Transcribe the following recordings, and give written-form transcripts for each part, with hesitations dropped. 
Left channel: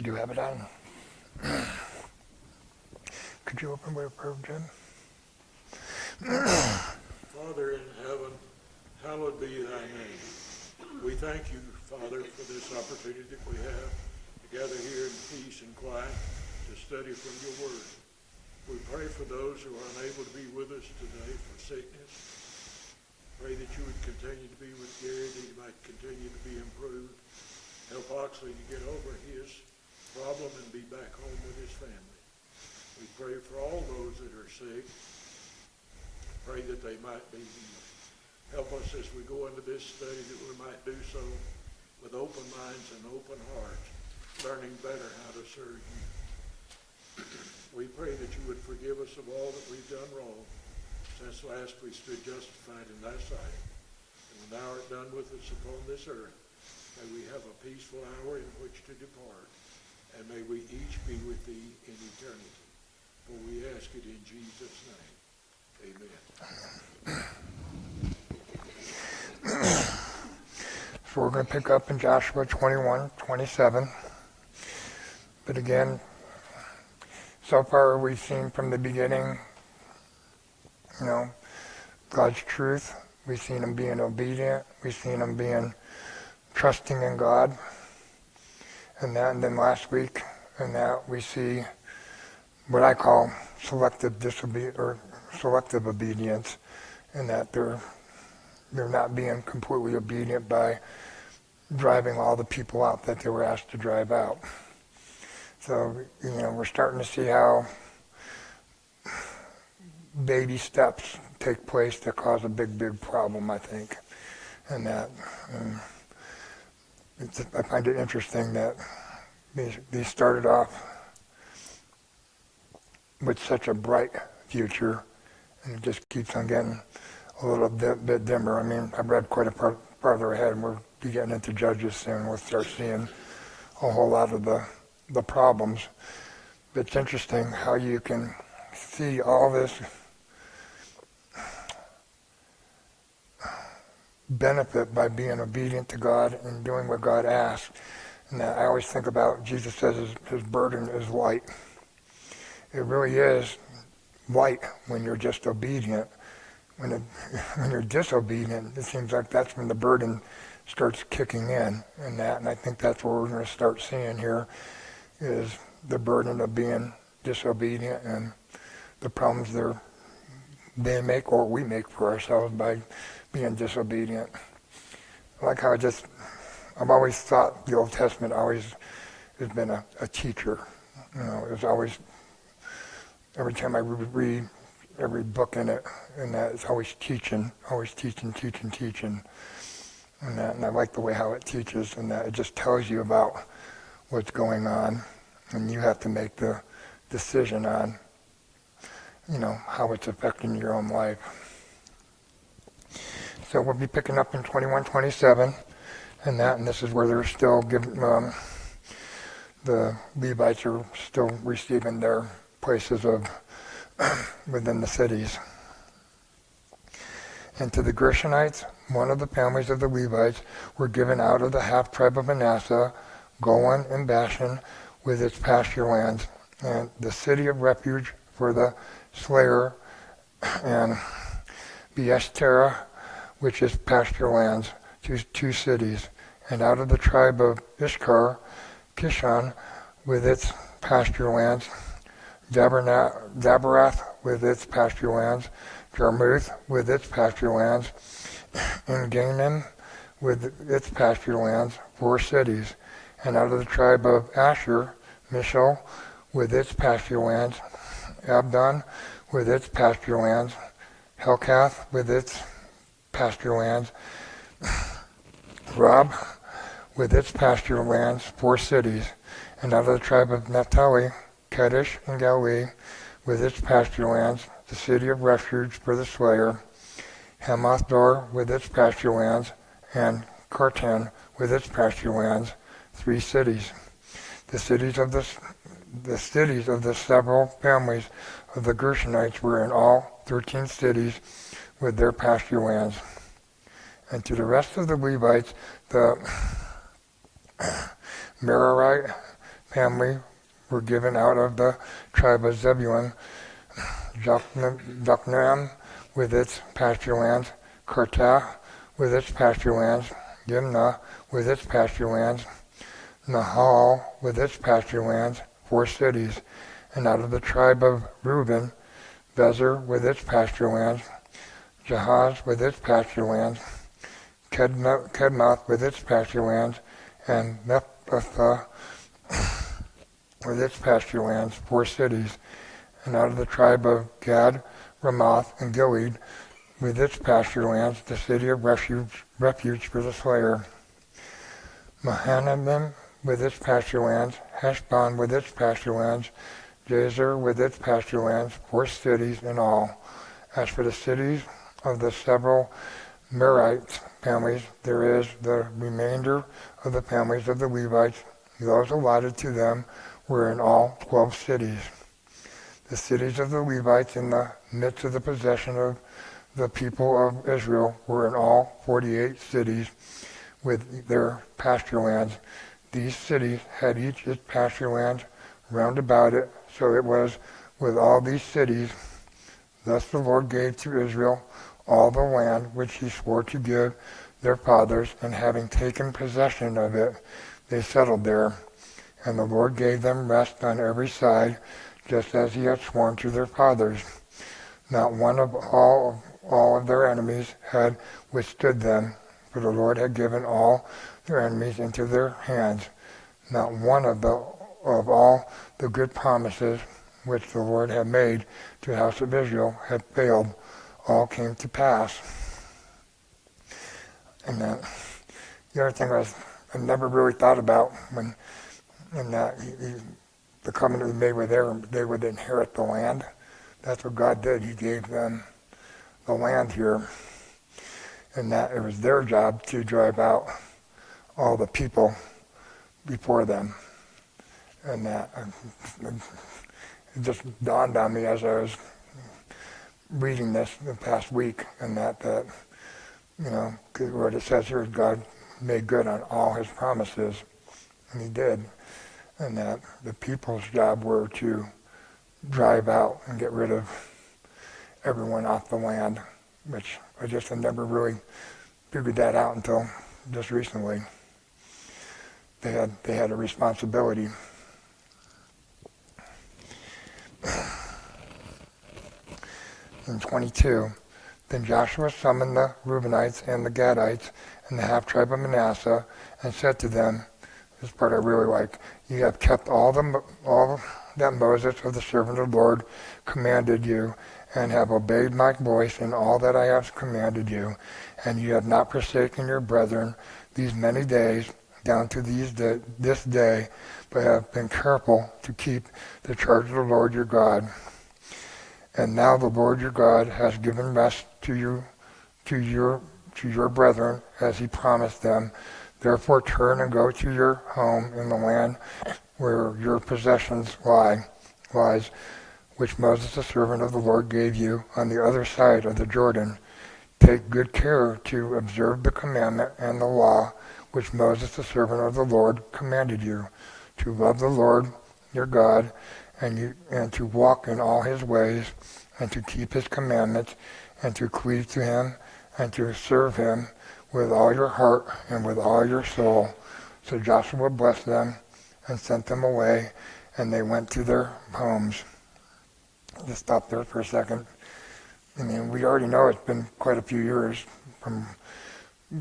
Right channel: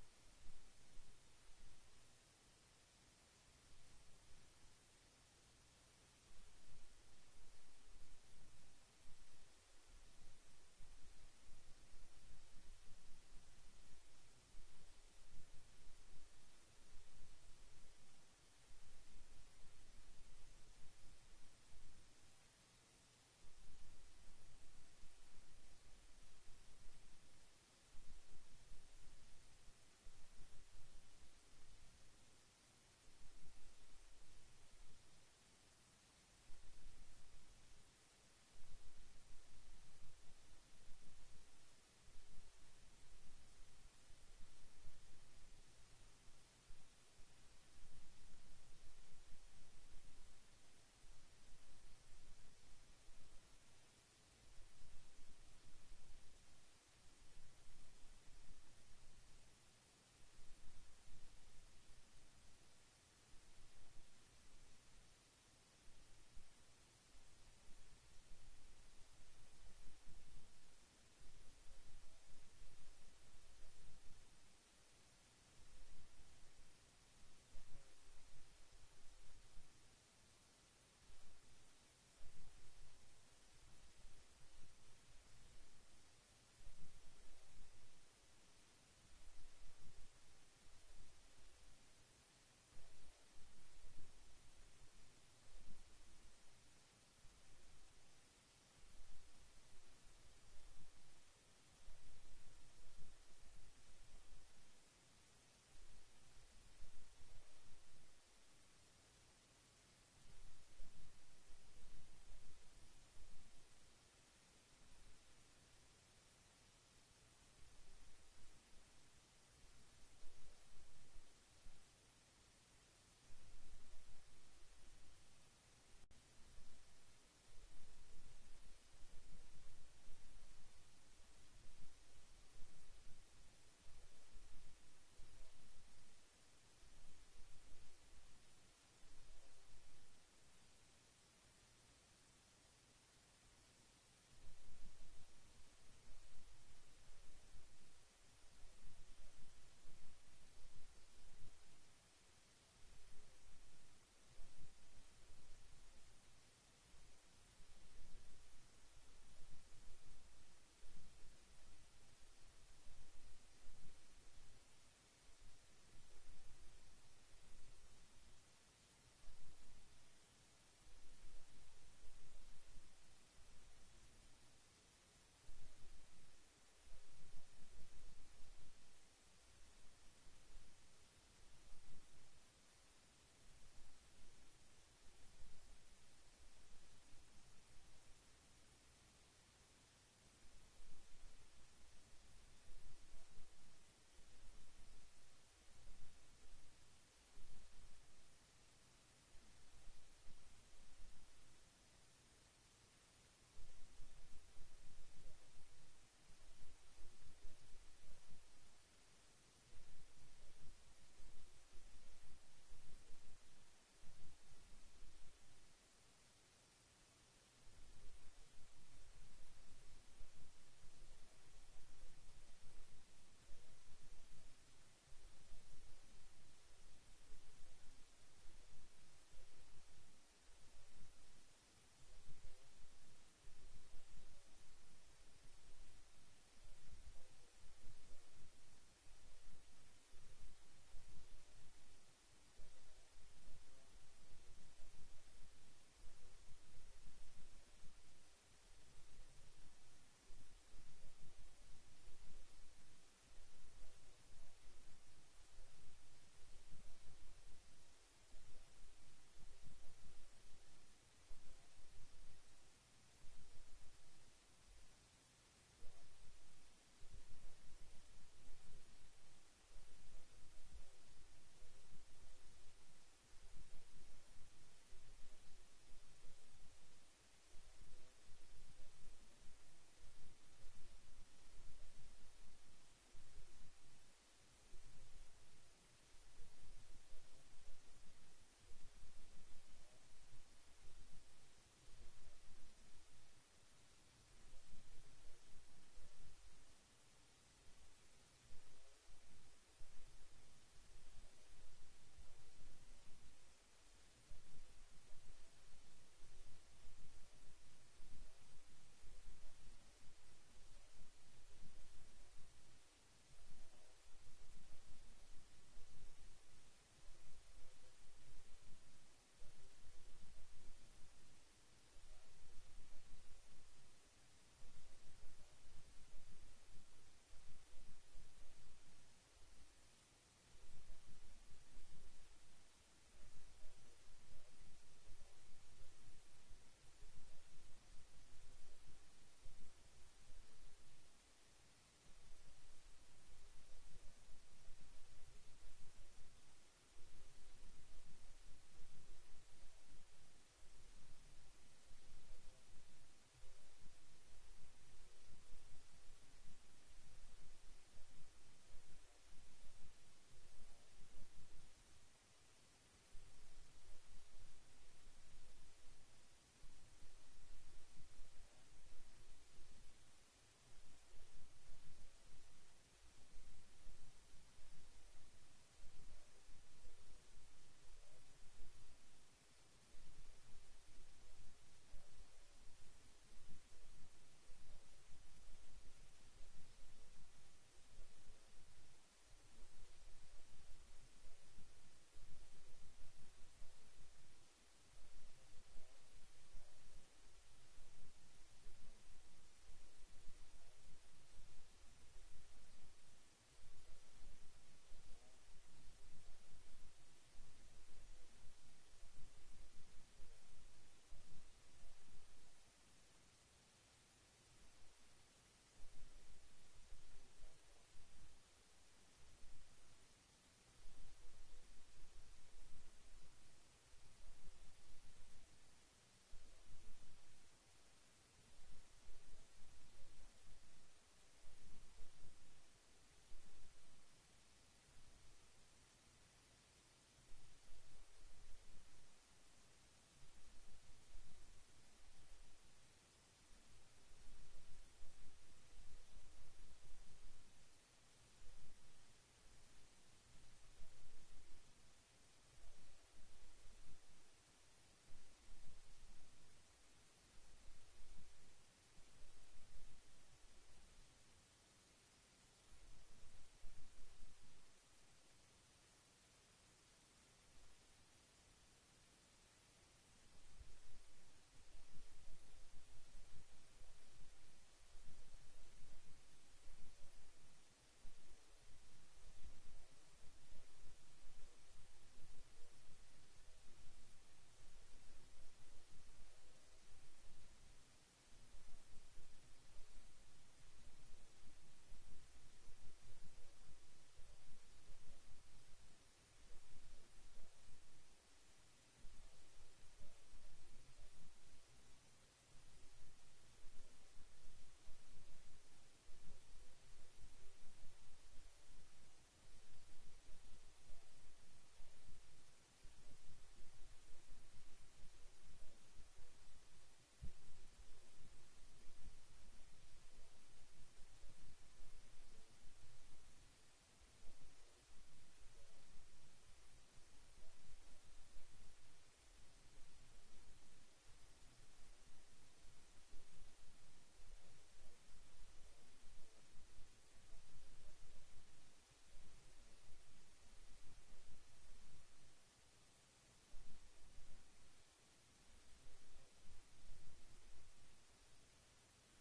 Could you have it on? Could you open with a prayer, Jim? Father in heaven, hallowed be thy name. We thank you, Father, for this opportunity that we have to gather here in peace and quiet to study from your word. We pray for those who are unable to be with us today for sickness. Pray that you would continue to be with Gary, that he might continue to be improved. Help Oxley to get over his problem and be back home with his family. We pray for all those that are sick. Pray that they might be healed. Help us as we go into this study that we might do so with open minds and open hearts, learning better how to serve you. We pray that you would forgive us of all that we've done wrong since last we stood justified in thy sight. And when thou art done with us upon this earth, may we have a peaceful hour in which to depart, and may we each be with thee in eternity. For we ask it in Jesus' name. Amen. So we're going to pick up in Joshua 21:27. But again, so far we've seen from the beginning, God's truth. We've seen him being obedient. We've seen him being trusting in God. And then last week, in that we see what I call selective obedience, in that they're not being completely obedient by driving all the people out that they were asked to drive out. So, we're starting to see how baby steps take place that cause a big, big problem, I think. And that I find it interesting that they started off with such a bright future, and it just keeps on getting a little bit dimmer. I mean, I've read quite a farther ahead, and we'll be getting into Judges soon. We'll start seeing a whole lot of the problems. But it's interesting how you can see all this benefit by being obedient to God and doing what God asks. And I always think about, Jesus says his burden is light. It really is light when you're just obedient. When you're disobedient, it seems like that's when the burden starts kicking in, and I think that's what we're going to start seeing here, is the burden of being disobedient and the problems they make or we make for ourselves by being disobedient. Like how I've always thought the Old Testament always has been a teacher. It was always, every time I read every book in it, and that it's always teaching. And I like the way how it teaches, and that it just tells you about what's going on, and you have to make the decision on, how it's affecting your own life. So we'll be picking up in 21:27, and this is where they're still giving, the Levites are still receiving their places of within the cities. And to the Gershonites, one of the families of the Levites, were given out of the half-tribe of Manasseh, Golan and Bashan, with its pasture lands, and the city of refuge for the slayer, and Beeshtera, which is pasture lands, two cities. And out of the tribe of Issachar, Kishon, with its pasture lands, Daberath with its pasture lands, Jarmuth with its pasture lands, and Gainim with its pasture lands, 4 cities. And out of the tribe of Asher, Mishal with its pasture lands, Abdon with its pasture lands, Helkath with its pasture lands, Rob with its pasture lands, 4 cities. And out of the tribe of Naphtali, Kadesh and Galilee with its pasture lands, the city of refuge for the slayer, Hamath-dor with its pasture lands, and Kartan with its pasture lands, 3 cities. The cities of the several families of the Gershonites were in all 13 cities with their pasture lands. And to the rest of the Levites, the Merarite, family were given out of the tribe of Zebulun, Jokneam with its pasture lands, Kartah with its pasture lands, Dimnah with its pasture lands, Nahal with its pasture lands, 4 cities, and out of the tribe of Reuben, Bezer with its pasture lands, Jahaz with its pasture lands, Kedmoth with its pasture lands, and Nephthalah with its pasture lands, 4 cities, and out of the tribe of Gad, Ramoth, and Gilead with its pasture lands, the city of refuge for the slayer, Mahanaim with its pasture lands, Heshbon with its pasture lands, Jazer with its pasture lands, 4 cities in all. As for the cities of the several Merite families, there is the remainder of the families of the Levites. Those allotted to them were in all 12 cities. The cities of the Levites in the midst of the possession of the people of Israel were in all 48 cities with their pasture lands. These cities had each its pasture lands round about it, so it was with all these cities. Thus the Lord gave to Israel all the land which he swore to give their fathers, and having taken possession of it, they settled there. And the Lord gave them rest on every side, just as he had sworn to their fathers. Not one of all of their enemies had withstood them, for the Lord had given all their enemies into their hands. Not one of all the good promises which the Lord had made to the house of Israel had failed. All came to pass. And the other thing was, I never really thought about when the covenant he made with them, they would inherit the land. That's what God did. He gave them the land here, and that it was their job to drive out all the people before them. And that it just dawned on me as I was reading this the past week, and that you know, what it says here is God made good on all his promises, and he did. And that the people's job were to drive out and get rid of everyone off the land, which I just had never really figured that out until just recently. They had a responsibility. In 22, then Joshua summoned the Reubenites and the Gadites and the half-tribe of Manasseh and said to them, this part I really like, you have kept all that Moses of the servant of the Lord commanded you, and have obeyed my voice in all that I have commanded you, and you have not forsaken your brethren these many days down to this day, but have been careful to keep the charge of the Lord your God. And now the Lord your God has given rest to your brethren as he promised them. Therefore turn and go to your home in the land where your possessions lies, which Moses the servant of the Lord gave you on the other side of the Jordan. Take good care to observe the commandment and the law which Moses the servant of the Lord commanded you, to love the Lord your God, and to walk in all his ways, and to keep his commandments, and to cleave to him, and to serve him with all your heart and with all your soul. So Joshua blessed them and sent them away, and they went to their homes. Just stop there for a second. I mean, we already know it's been quite a few years from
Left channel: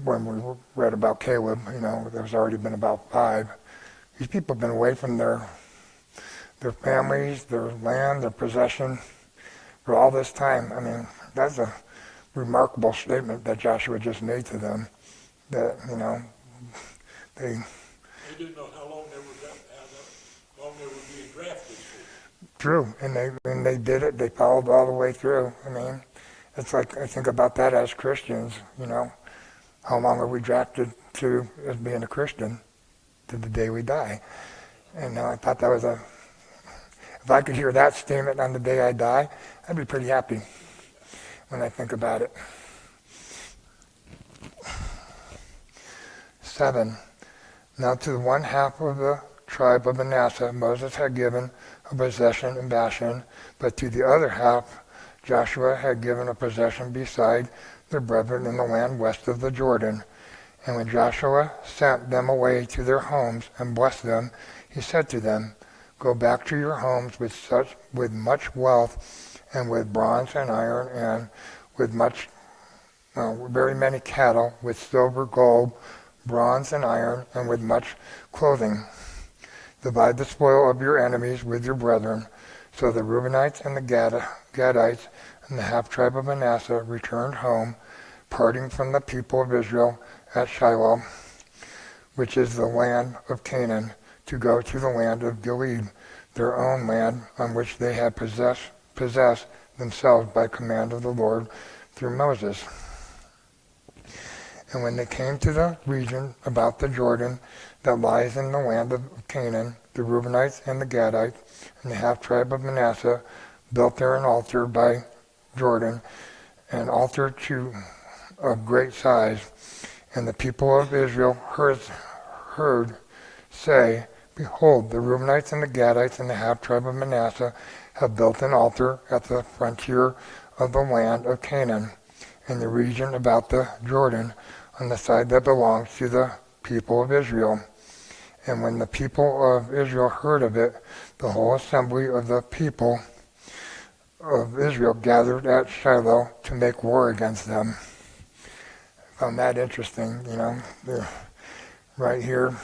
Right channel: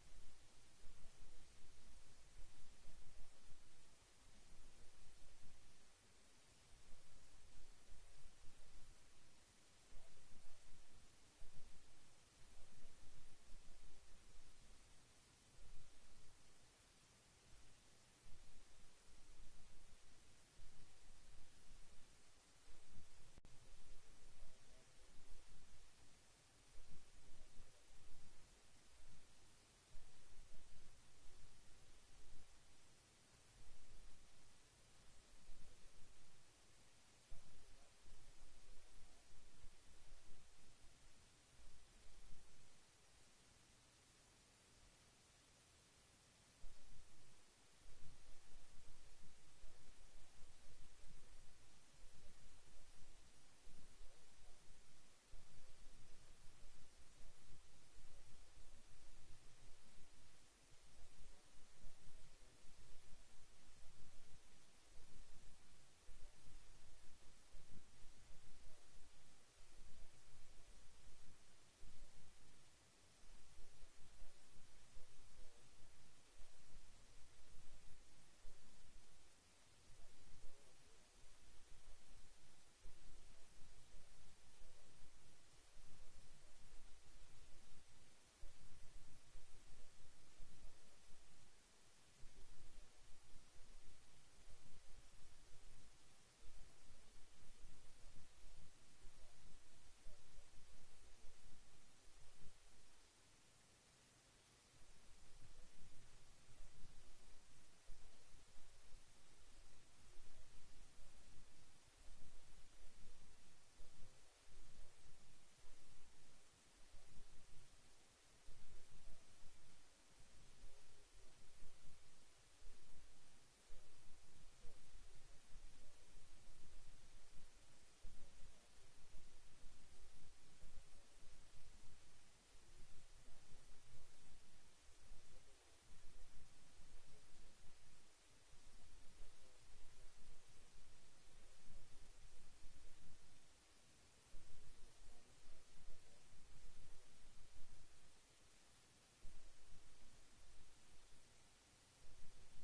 when we read about Caleb. You know, there's already been about 5. These people have been away from their families, their land, their possession for all this time. I mean, that's a remarkable statement that Joshua just made to them, that, you know, they didn't know how long they were being drafted for. True, and they did it. They followed all the way through. I mean, it's like, I think about that as Christians, you know, how long are we drafted to as being a Christian? To the day we die. And I thought that was if I could hear that statement on the day I die, I'd be pretty happy when I think about it. 7. Now to the one half of the tribe of Manasseh Moses had given a possession in Bashan, but to the other half Joshua had given a possession beside their brethren in the land west of the Jordan. And when Joshua sent them away to their homes and blessed them, he said to them, "Go back to your homes with much wealth, and with bronze and iron, and with very many cattle, with silver, gold, bronze, and iron, and with much clothing. Divide the spoil of your enemies with your brethren." So the Reubenites and the Gadites and the half-tribe of Manasseh returned home, parting from the people of Israel at Shiloh, which is the land of Canaan, to go to the land of Gilead, their own land, on which they had possessed themselves by command of the Lord through Moses. And when they came to the region about the Jordan that lies in the land of Canaan, the Reubenites and the Gadites and the half-tribe of Manasseh built there an altar by Jordan, an altar of great size. And the people of Israel heard say, "Behold, the Reubenites and the Gadites and the half-tribe of Manasseh have built an altar at the frontier of the land of Canaan, in the region about the Jordan, on the side that belongs to the people of Israel." And when the people of Israel heard of it, the whole assembly of the people of Israel gathered at Shiloh to make war against them. I found that interesting, right here.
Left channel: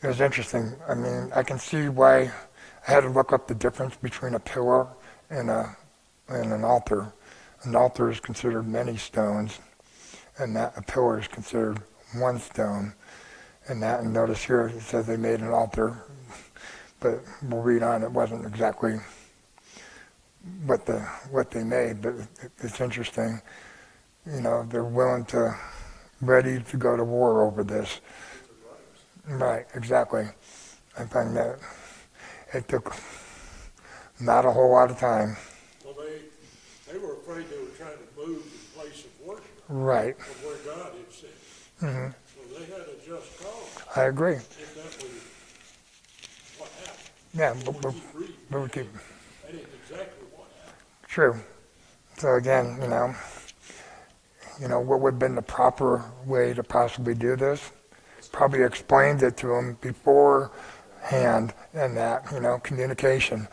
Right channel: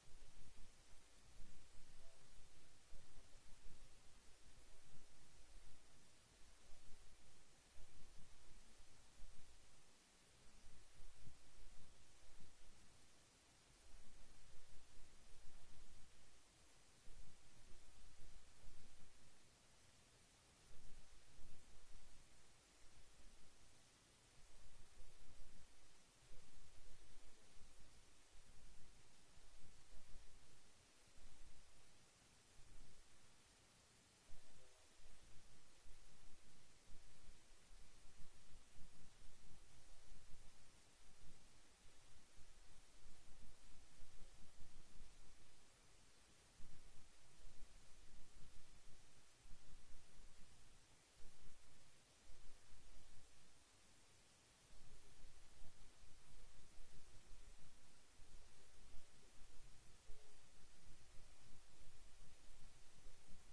It was interesting. I mean, I can see why I had to look up the difference between a pillar and an altar. An altar is considered many stones, and a pillar is considered one stone. And notice here it says they made an altar, but we'll read on. It wasn't exactly what they made, but it's interesting. They're ready to go to war over this. Right, exactly. I find that it took not a whole lot of time. Well, they were afraid they were trying to move the place of worship. Right. From where God had said. Mm-hmm. So they had a just cause. I agree. If that was what happened. Yeah, But we keep reading. That ain't exactly what happened. True. So again, what would have been the proper way to possibly do this? Probably explained it to them beforehand, and that, communication.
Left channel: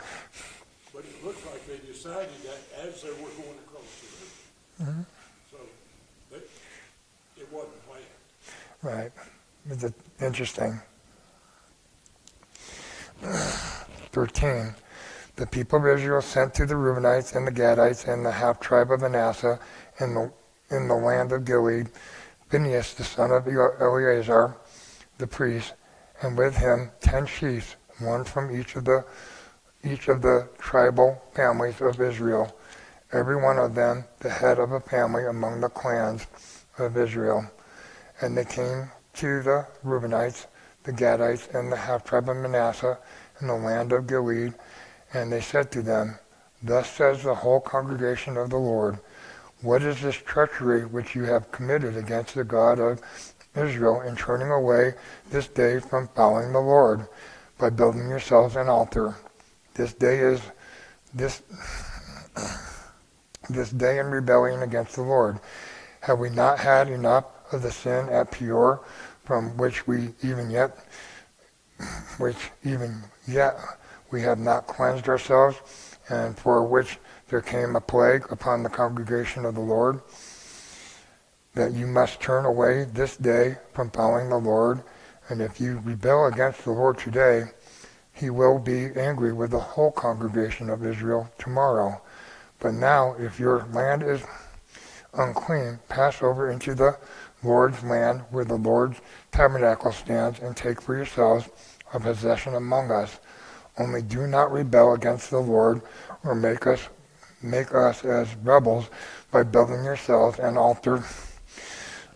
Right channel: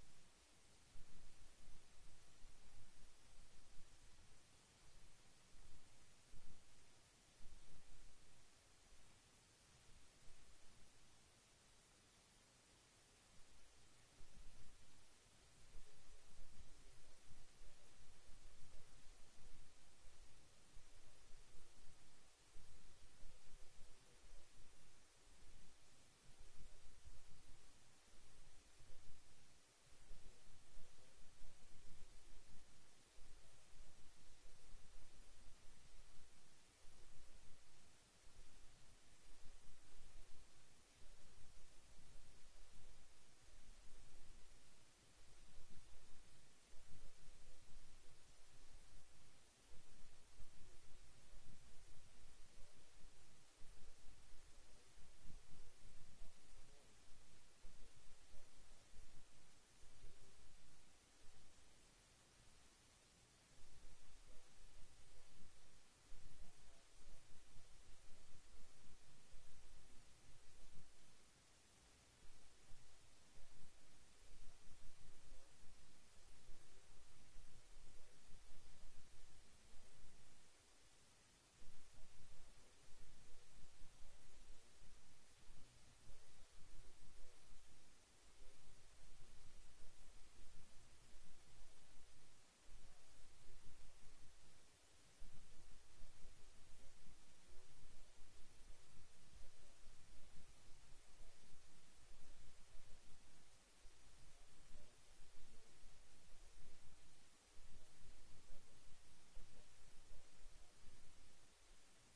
But it looked like they decided that as they were going across the river. Mm-hmm. So it wasn't planned. Right. It's interesting. 13. The people of Israel sent to the Reubenites and the Gadites and the half-tribe of Manasseh in the land of Gilead Phinehas the son of Eleazar the priest, and with him 10 chiefs, one from each of the tribal families of Israel, every one of them the head of a family among the clans of Israel. And they came to the Reubenites, the Gadites, and the half-tribe of Manasseh in the land of Gilead, and they said to them, "Thus says the whole congregation of the Lord, what is this treachery which you have committed against the God of Israel in turning away this day from following the Lord by building yourselves an altar? This day in rebellion against the Lord. Have we not had enough of the sin at Peor, from which even yet we have not cleansed ourselves, and for which there came a plague upon the congregation of the Lord, that you must turn away this day from following the Lord, and if you rebel against the Lord today, he will be angry with the whole congregation of Israel tomorrow. But now, if your land is unclean, pass over into the Lord's land where the Lord's tabernacle stands, and take for yourselves a possession among us. Only do not rebel against the Lord, or make us as rebels by building yourselves an altar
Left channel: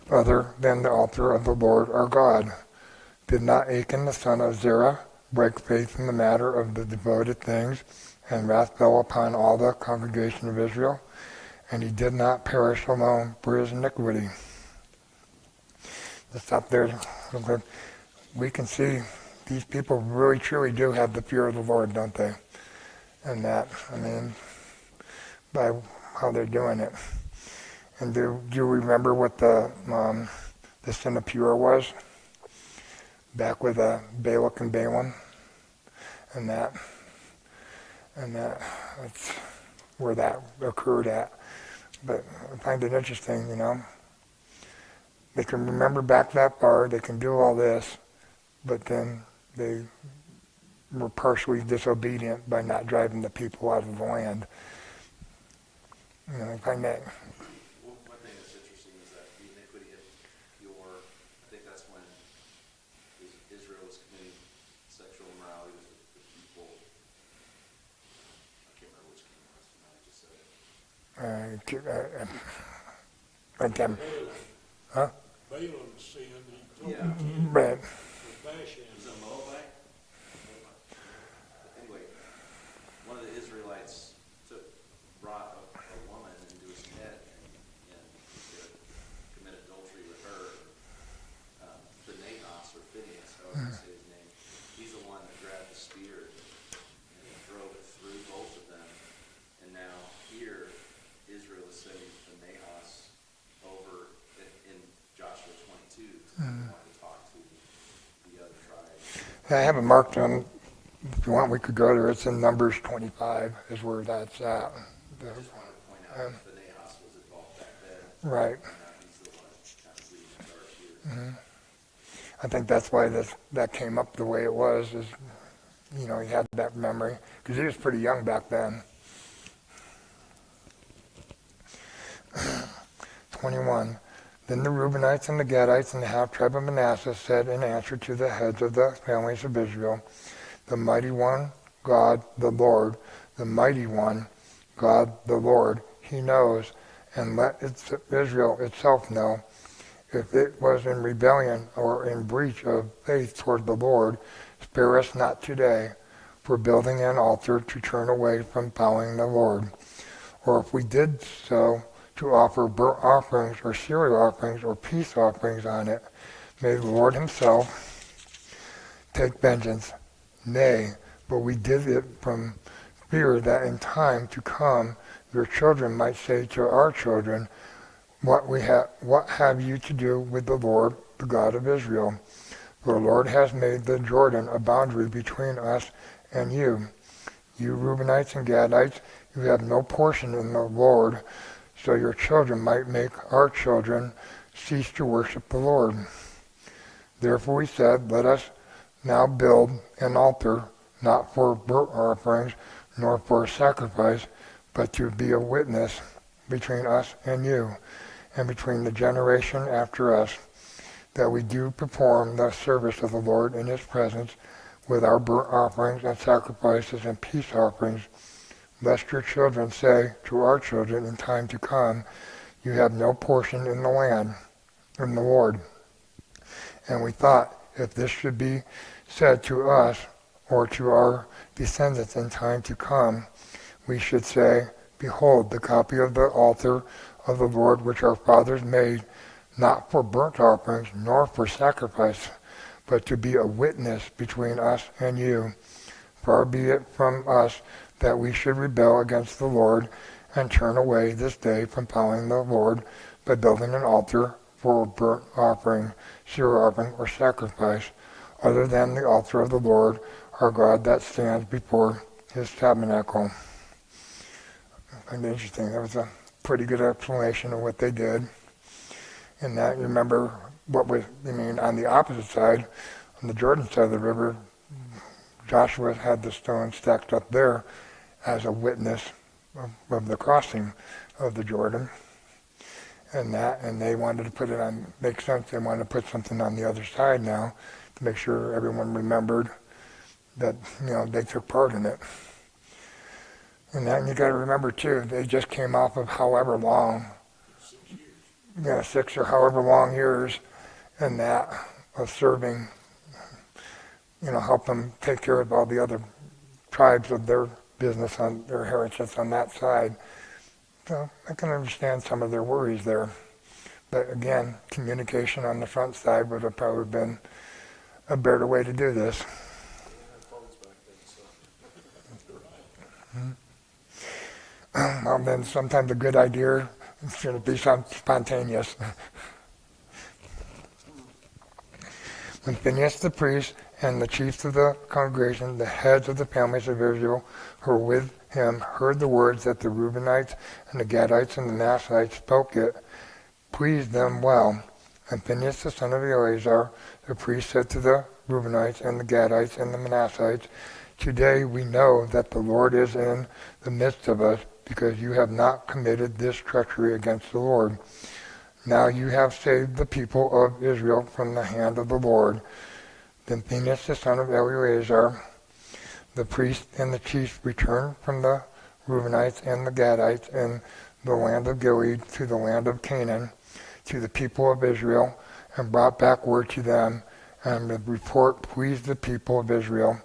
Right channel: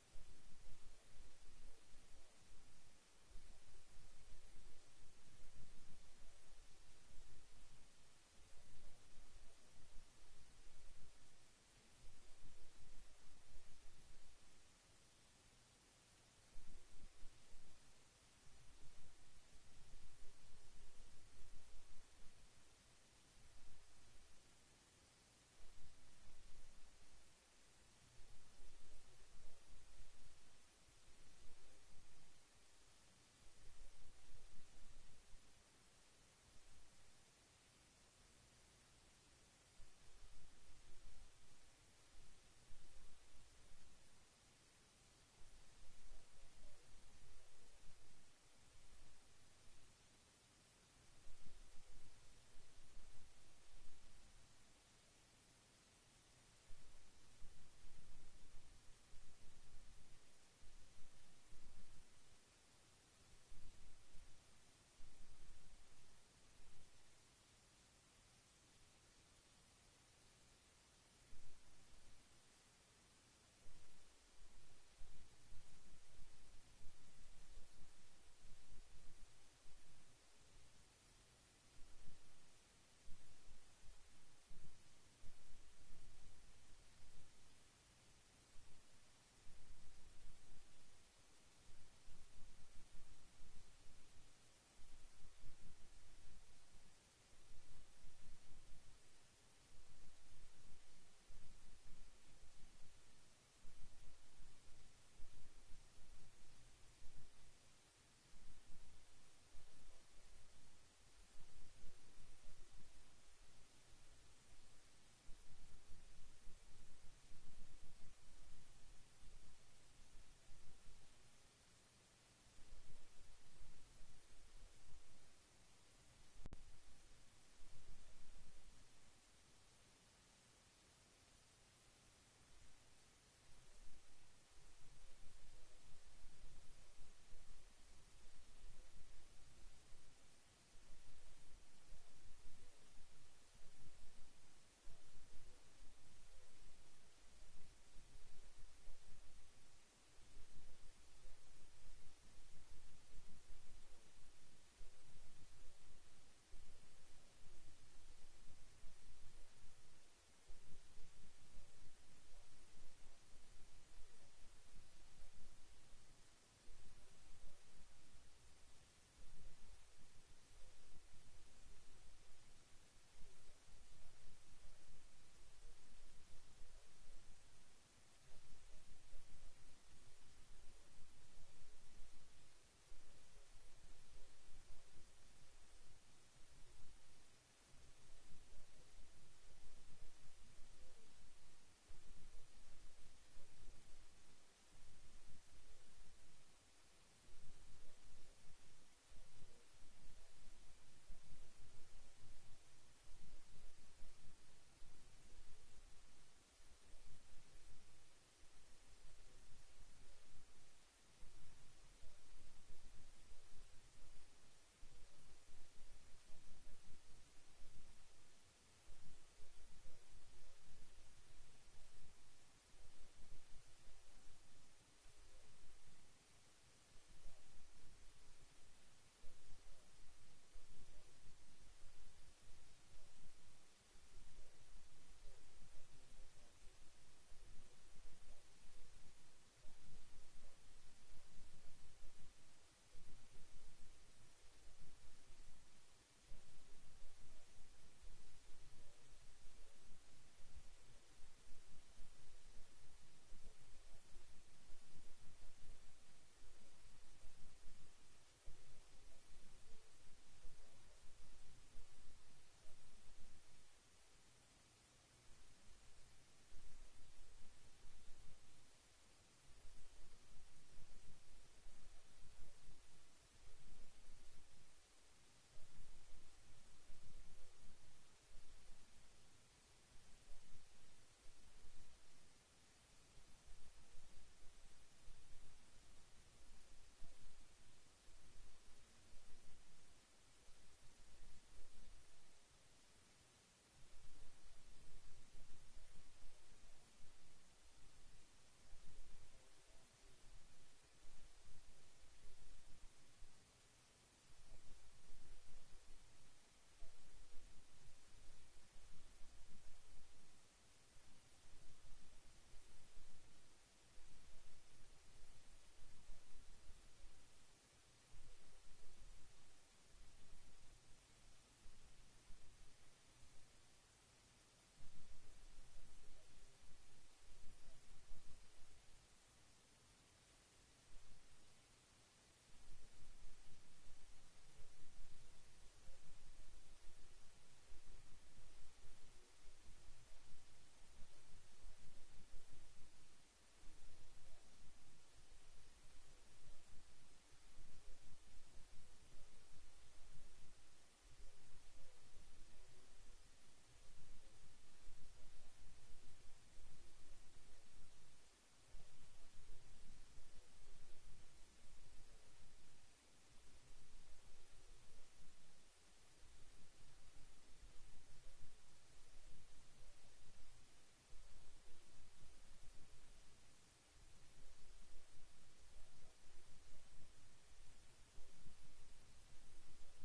other than the altar of the Lord our God. Did not Achan the son of Zerah break faith in the matter of the devoted things, and wrath fell upon all the congregation of Israel? And he did not perish alone for his iniquity." Let's stop there. we can see these people really truly do have the fear of the Lord, don't they? And that, I mean, by how they're doing it. And do you remember what the sin of Pur was? Back with Balak and Balaam, and that's where that occurred at. But I find it interesting, They can remember back that far, they can do all this, but then they were partially disobedient by not driving the people out of the land. I find that. One thing that's interesting is that the iniquity of your, I think that's when Israel was committing sexual immorality with the people. I can't remember which king it was, I just said it. Again, huh? Balaam sinned, he told Yeah. the king Right. of Bashan. Is it Moabite? Anyway, one of the Israelites brought a woman into his tent and committed adultery with her. Phinehas or Phineas, however you say his name, he's the one that grabbed the spear and drove it through both of them. And now here, Israel is sending Phinehas over in Joshua 22 to want to talk to the other tribes. I have it marked on. If you want, we could go there. It's in Numbers 25 is where that's at. I just wanted to point out that Phinehas was involved back then. Right. And now he's the one kind of leading the charge here. I think that's why that came up the way it was, is, he had that memory, because he was pretty young back then. 21. Then the Reubenites and the Gadites and the half-tribe of Manasseh said in answer to the heads of the families of Israel, the mighty one, God, the Lord, the mighty one, God, the Lord, he knows, and let Israel itself know. If it was in rebellion or in breach of faith toward the Lord, spare us not today for building an altar to turn away from following the Lord. Or if we did so, to offer burnt offerings or cereal offerings or peace offerings on it, may the Lord himself take vengeance. Nay, but we did it from fear that in time to come your children might say to our children, what have you to do with the Lord, the God of Israel? For the Lord has made the Jordan a boundary between us and you. You Reubenites and Gadites, you have no portion in the Lord, so your children might make our children cease to worship the Lord. Therefore we said, let us now build an altar, not for burnt offerings, nor for sacrifice, but to be a witness between us and you, and between the generation after us, that we do perform the service of the Lord in his presence with our burnt offerings and sacrifices and peace offerings, lest your children say to our children in time to come, you have no portion in the land, in the Lord. And we thought, if this should be said to us or to our descendants in time to come, we should say, behold, the copy of the altar of the Lord which our fathers made, not for burnt offerings nor for sacrifice, but to be a witness between us and you. Far be it from us that we should rebel against the Lord and turn away this day from following the Lord by building an altar for a burnt offering, cereal offering, or sacrifice, other than the altar of the Lord our God that stands before his tabernacle. And interesting, that was a pretty good explanation of what they did. And that, you remember on the opposite side, on the Jordan side of the river, Joshua had the stone stacked up there as a witness of the crossing of the Jordan. And they wanted to put it on, makes sense, they wanted to put something on the other side now to make sure everyone remembered that, they took part in it. And then you got to remember too, they just came off of however long, 6 or however long years, and that of serving, help them take care of all the other tribes of their business on their heritage on that side. So I can understand some of their worries there. But again, communication on the front side would have probably been a better way to do this. Well, then sometimes a good idea should be spontaneous. When Phinehas the priest and the chiefs of the congregation, the heads of the families of Israel who were with him, heard the words that the Reubenites and the Gadites and the Manassites spoke, it pleased them well. And Phinehas the son of Eleazar, the priest, said to the Reubenites and the Gadites and the Manassites, today we know that the Lord is in the midst of us, because you have not committed this treachery against the Lord. Now you have saved the people of Israel from the hand of the Lord. Then Phinehas the son of Eleazar, the priest and the chiefs, returned from the Reubenites and the Gadites in the land of Gilead to the land of Canaan, to the people of Israel, and brought back word to them, and the report pleased the people of Israel.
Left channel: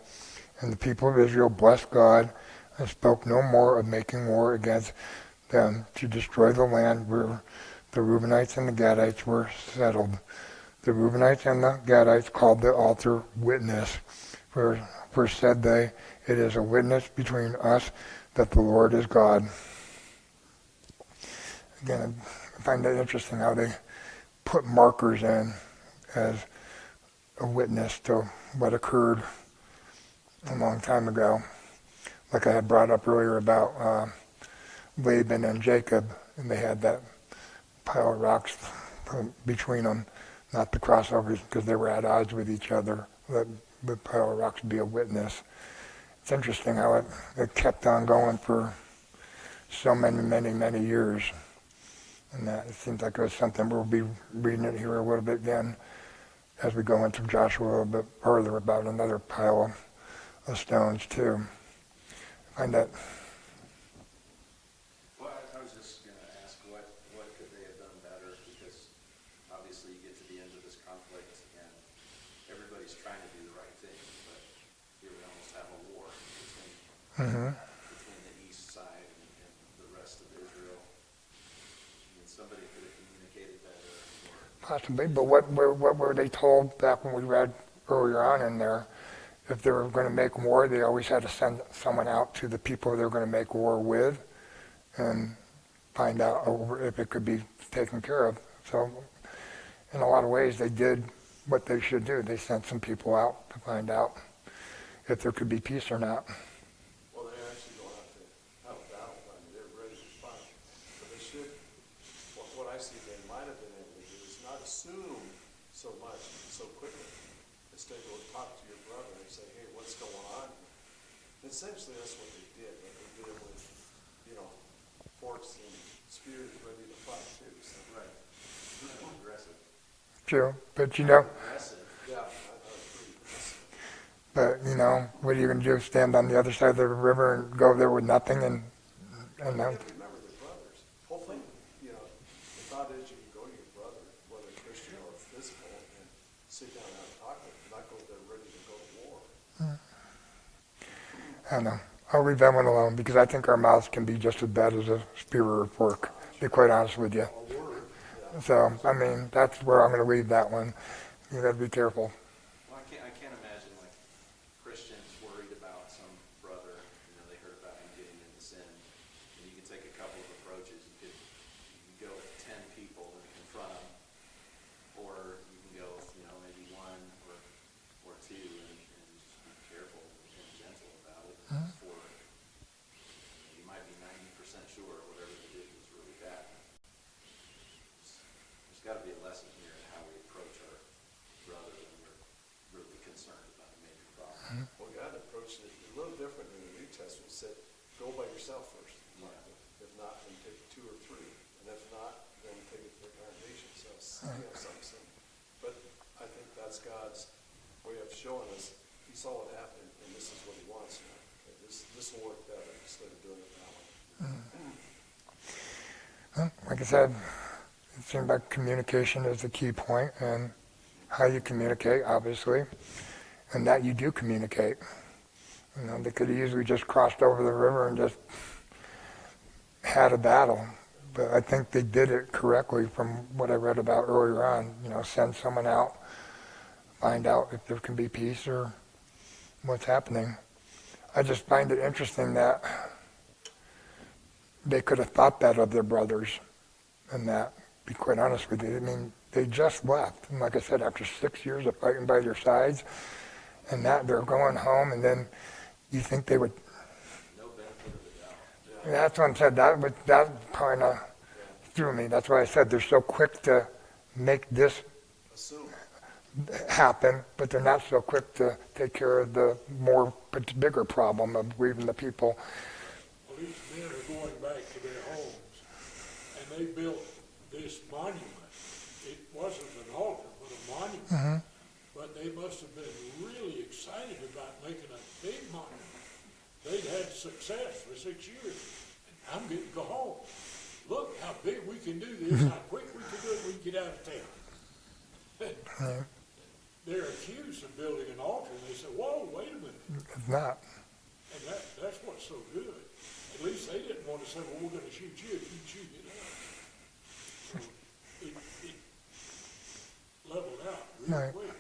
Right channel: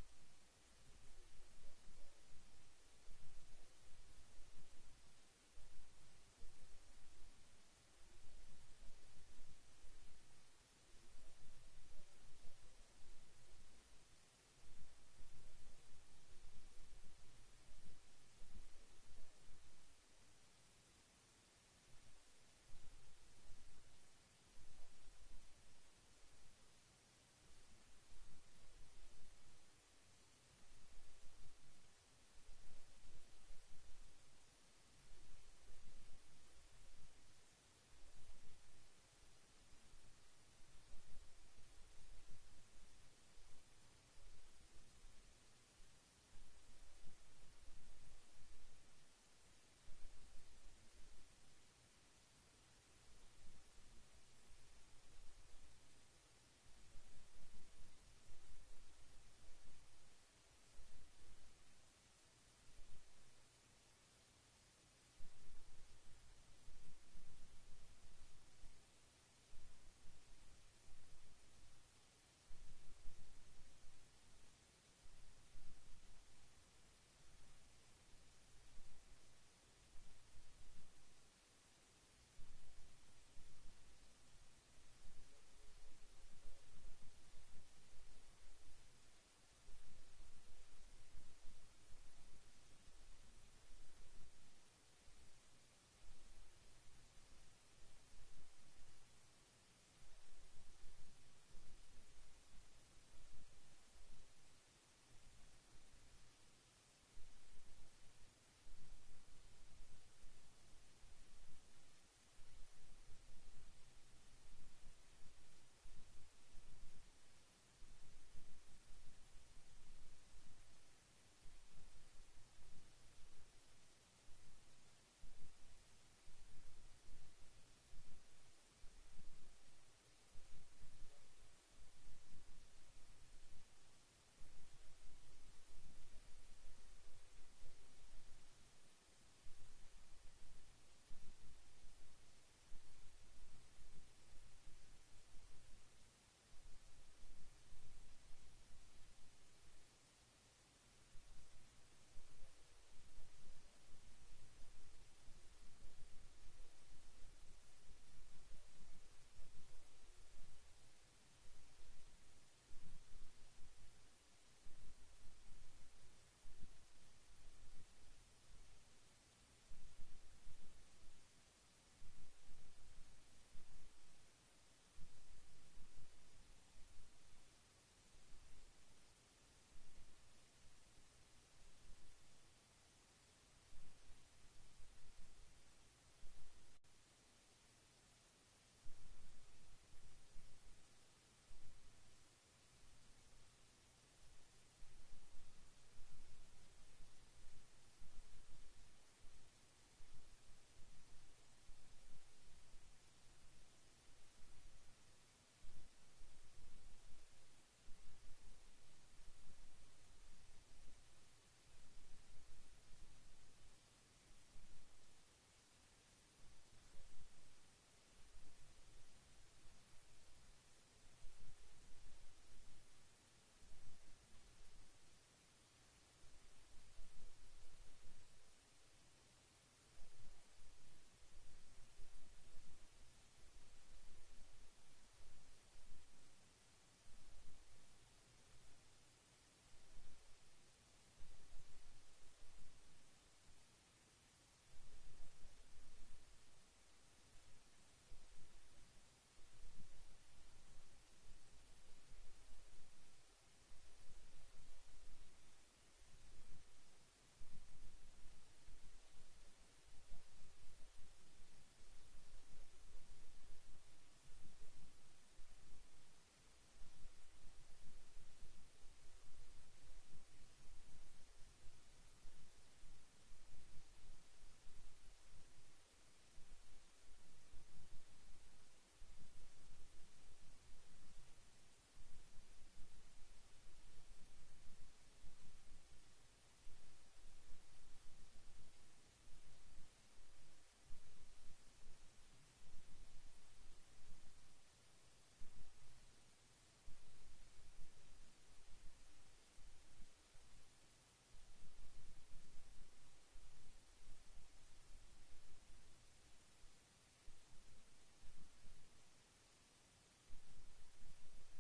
And the people of Israel blessed God, and spoke no more of making war against them to destroy the land where the Reubenites and the Gadites were settled. The Reubenites and the Gadites called the altar Witness, for said they, it is a witness between us that the Lord is God. Again, I find that interesting how they put markers in as a witness to what occurred a long time ago. Like I had brought up earlier about Laban and Jacob, and they had that pile of rocks between them, not the crossovers because they were at odds with each other. The pile of rocks would be a witness. It's interesting how it kept on going for so many years. And that it seems like it was something we'll be reading it here a little bit again as we go into Joshua a little bit further about another pile of stones too. I find that. Well, I was just going to ask what could they have done better, because obviously you get to the end of this conflict and everybody's trying to do the right thing, but here we almost have a war between the east side and the rest of Israel. I mean, somebody could have communicated better. Possibly, but what were they told back when we read earlier on in there? If they were going to make war, they always had to send someone out to the people they were going to make war with and find out if it could be taken care of. So in a lot of ways, they did what they should do. They sent some people out to find out if there could be peace or not. Well, they actually don't have to have a battle plan. They're ready to fight. But they should, what I see they might have been able to do is not assume so much so quickly. Instead, go talk to your brother and say, hey, what's going on? Essentially, that's what they did. But they did it with, forks and spears ready to fight, too. So. Right. Aggressive. True, but Aggressive. Yeah, that was pretty aggressive. but what are you going to do? Stand on the other side of the river and go there with nothing and You have to remember they're brothers. Hopefully, the thought is you can go to your brother, whether Christian or physical, and sit down and have a talk with him, not go there ready to go to war. I don't know. I'll leave that one alone because I think our mouths can be just as bad as a spear or a fork, to be quite honest with you. So, that's where I'm going to leave that one. You got to be careful. Well, I can't imagine like Christians worried about some brother. They heard about him getting into sin, and you can take a couple of approaches. You can go with 10 people and confront him, or you can go, maybe one or two, and just be careful and gentle about it. For you might be 90% sure whatever they did was really bad. There's got to be a lesson here in how we approach our brother when we're really concerned about a major problem. Well, God approached it a little different in the New Testament. He said, go by yourself first. Yeah. If not, then take 2 or 3. And if not, then take it to the congregation. So, something. But I think that's God's way of showing us he saw what happened and this is what he wants now. Okay, this will work better instead of doing it that way. Well, like I said, it seemed like communication is the key point, and how you communicate, obviously, and that you do communicate. They could have easily just crossed over the river and just had a battle, but I think they did it correctly from what I read about earlier on. Send someone out find out if there can be peace or what's happening. I just find it interesting that they could have thought that of their brothers, and that, be quite honest with you, I mean, they just left. And like I said, after 6 years of fighting by their sides, and that they're going home, and then you think they would. No benefit of the doubt. Yeah, that's what I said. That kind of threw me. That's why I said they're so quick to make this Assume. happen, but they're not so quick to take care of the bigger problem of grieving the people. Well, these men are going back to their homes, and they built this monument. It wasn't an altar, but a monument. Mm-hmm. But they must have been really excited about making a big monument. They'd had success for 6 years, and I'm getting to go home. Look how big we can do this, how quick we can do it, we can get out of town. Yeah, They're accused of building an altar, and they said, whoa, wait a minute. it's not. And that's what's so good. At least they didn't want to say, well, we're going to shoot you if you shoot at us. So it leveled out real Right. quick.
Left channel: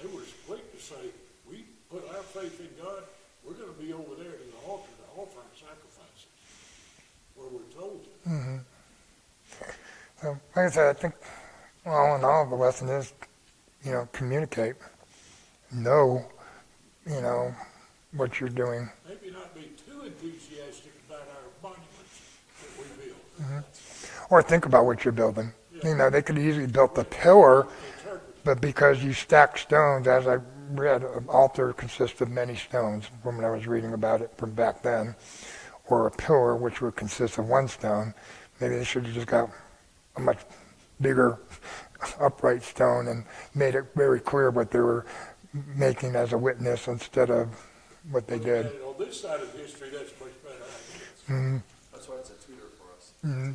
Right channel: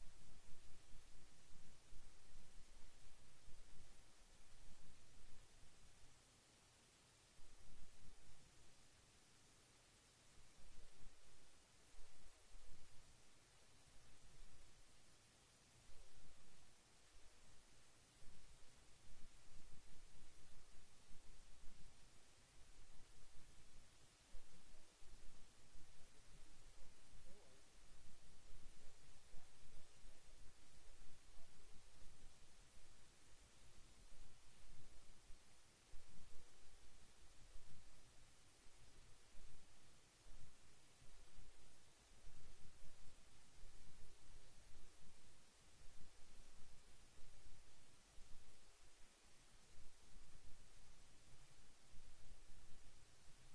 They were quick to say, we put our faith in God, we're going to be over there to the altar to offer our sacrifices, where we're told to. Mm-hmm. So, like I said, I think all in all, the lesson is, communicate, know, what you're doing. Maybe not be too enthusiastic about our monuments that we build. Mm-hmm. Or think about what you're building. They could have easily built the pillar, Interpret. but because you stack stones, as I read, an altar consists of many stones from when I was reading about it from back then, or a pillar, which would consist of one stone. Maybe they should have just got a much bigger upright stone and made it very clear what they were making as a witness instead of what they did. And on this side of history, that's a much better idea. Mm-hmm. That's why it's a tutor for us. Mm-hmm.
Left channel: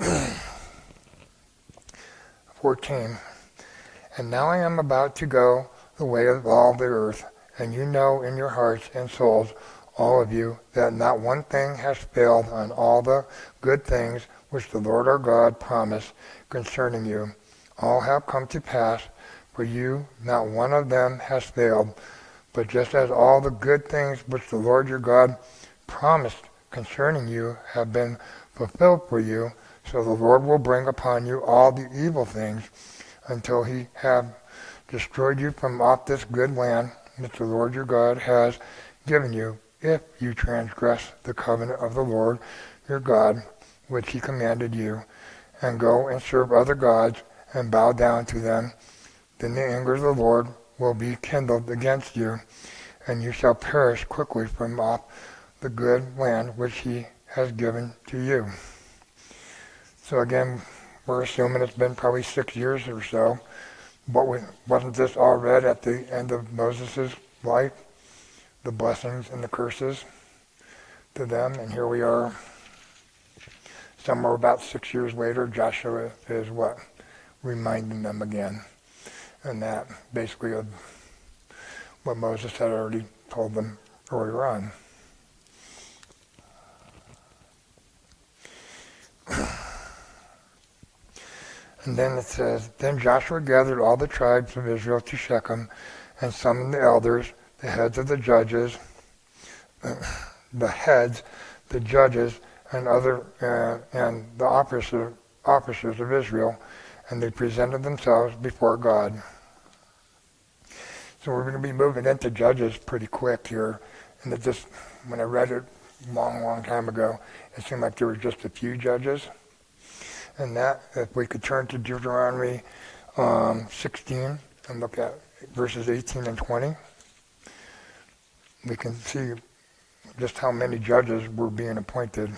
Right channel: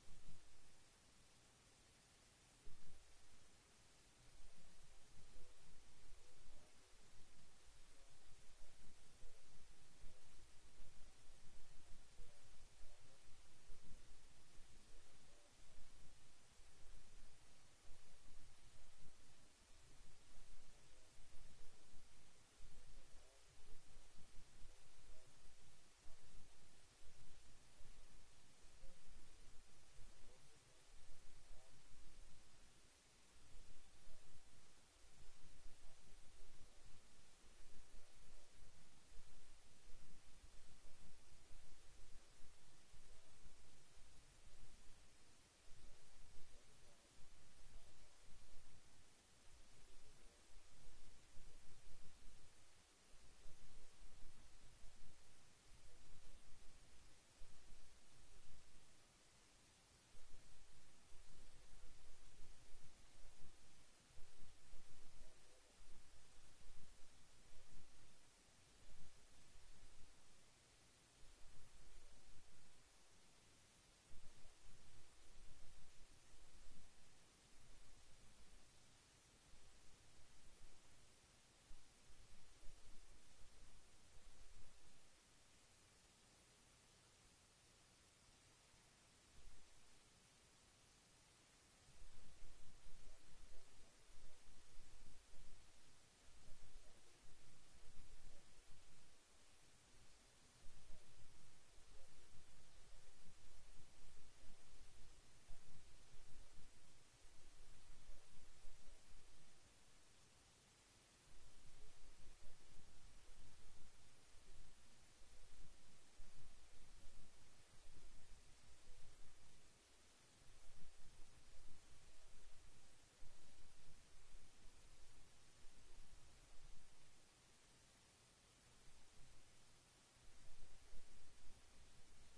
Yeah. 14. And now I am about to go the way of all the earth, and you know in your hearts and souls, all of you, that not one thing has failed on all the good things which the Lord our God promised concerning you. All have come to pass, for you, not one of them has failed. But just as all the good things which the Lord your God promised concerning you have been fulfilled for you, so the Lord will bring upon you all the evil things until he have destroyed you from off this good land which the Lord your God has given you, if you transgress the covenant of the Lord your God, which he commanded you, and go and serve other gods and bow down to them. Then the anger of the Lord will be kindled against you, and you shall perish quickly from off the good land which he has given to you. So again, we're assuming it's been probably 6 years or so. But wasn't this all read at the end of Moses' life? The blessings and the curses to them. And here we are, somewhere about 6 years later, Joshua is what? Reminding them again. And that basically of what Moses had already told them earlier on. And then it says, Then Joshua gathered all the tribes of Israel to Shechem and summoned the elders, the heads of the judges, and the officers of Israel, and they presented themselves before God. So we're going to be moving into Judges pretty quick here. And it just, when I read it a long time ago, it seemed like there were just a few judges. And that, if we could turn to Deuteronomy 16 and look at verses 18 and 20, we can see just how many judges were being appointed.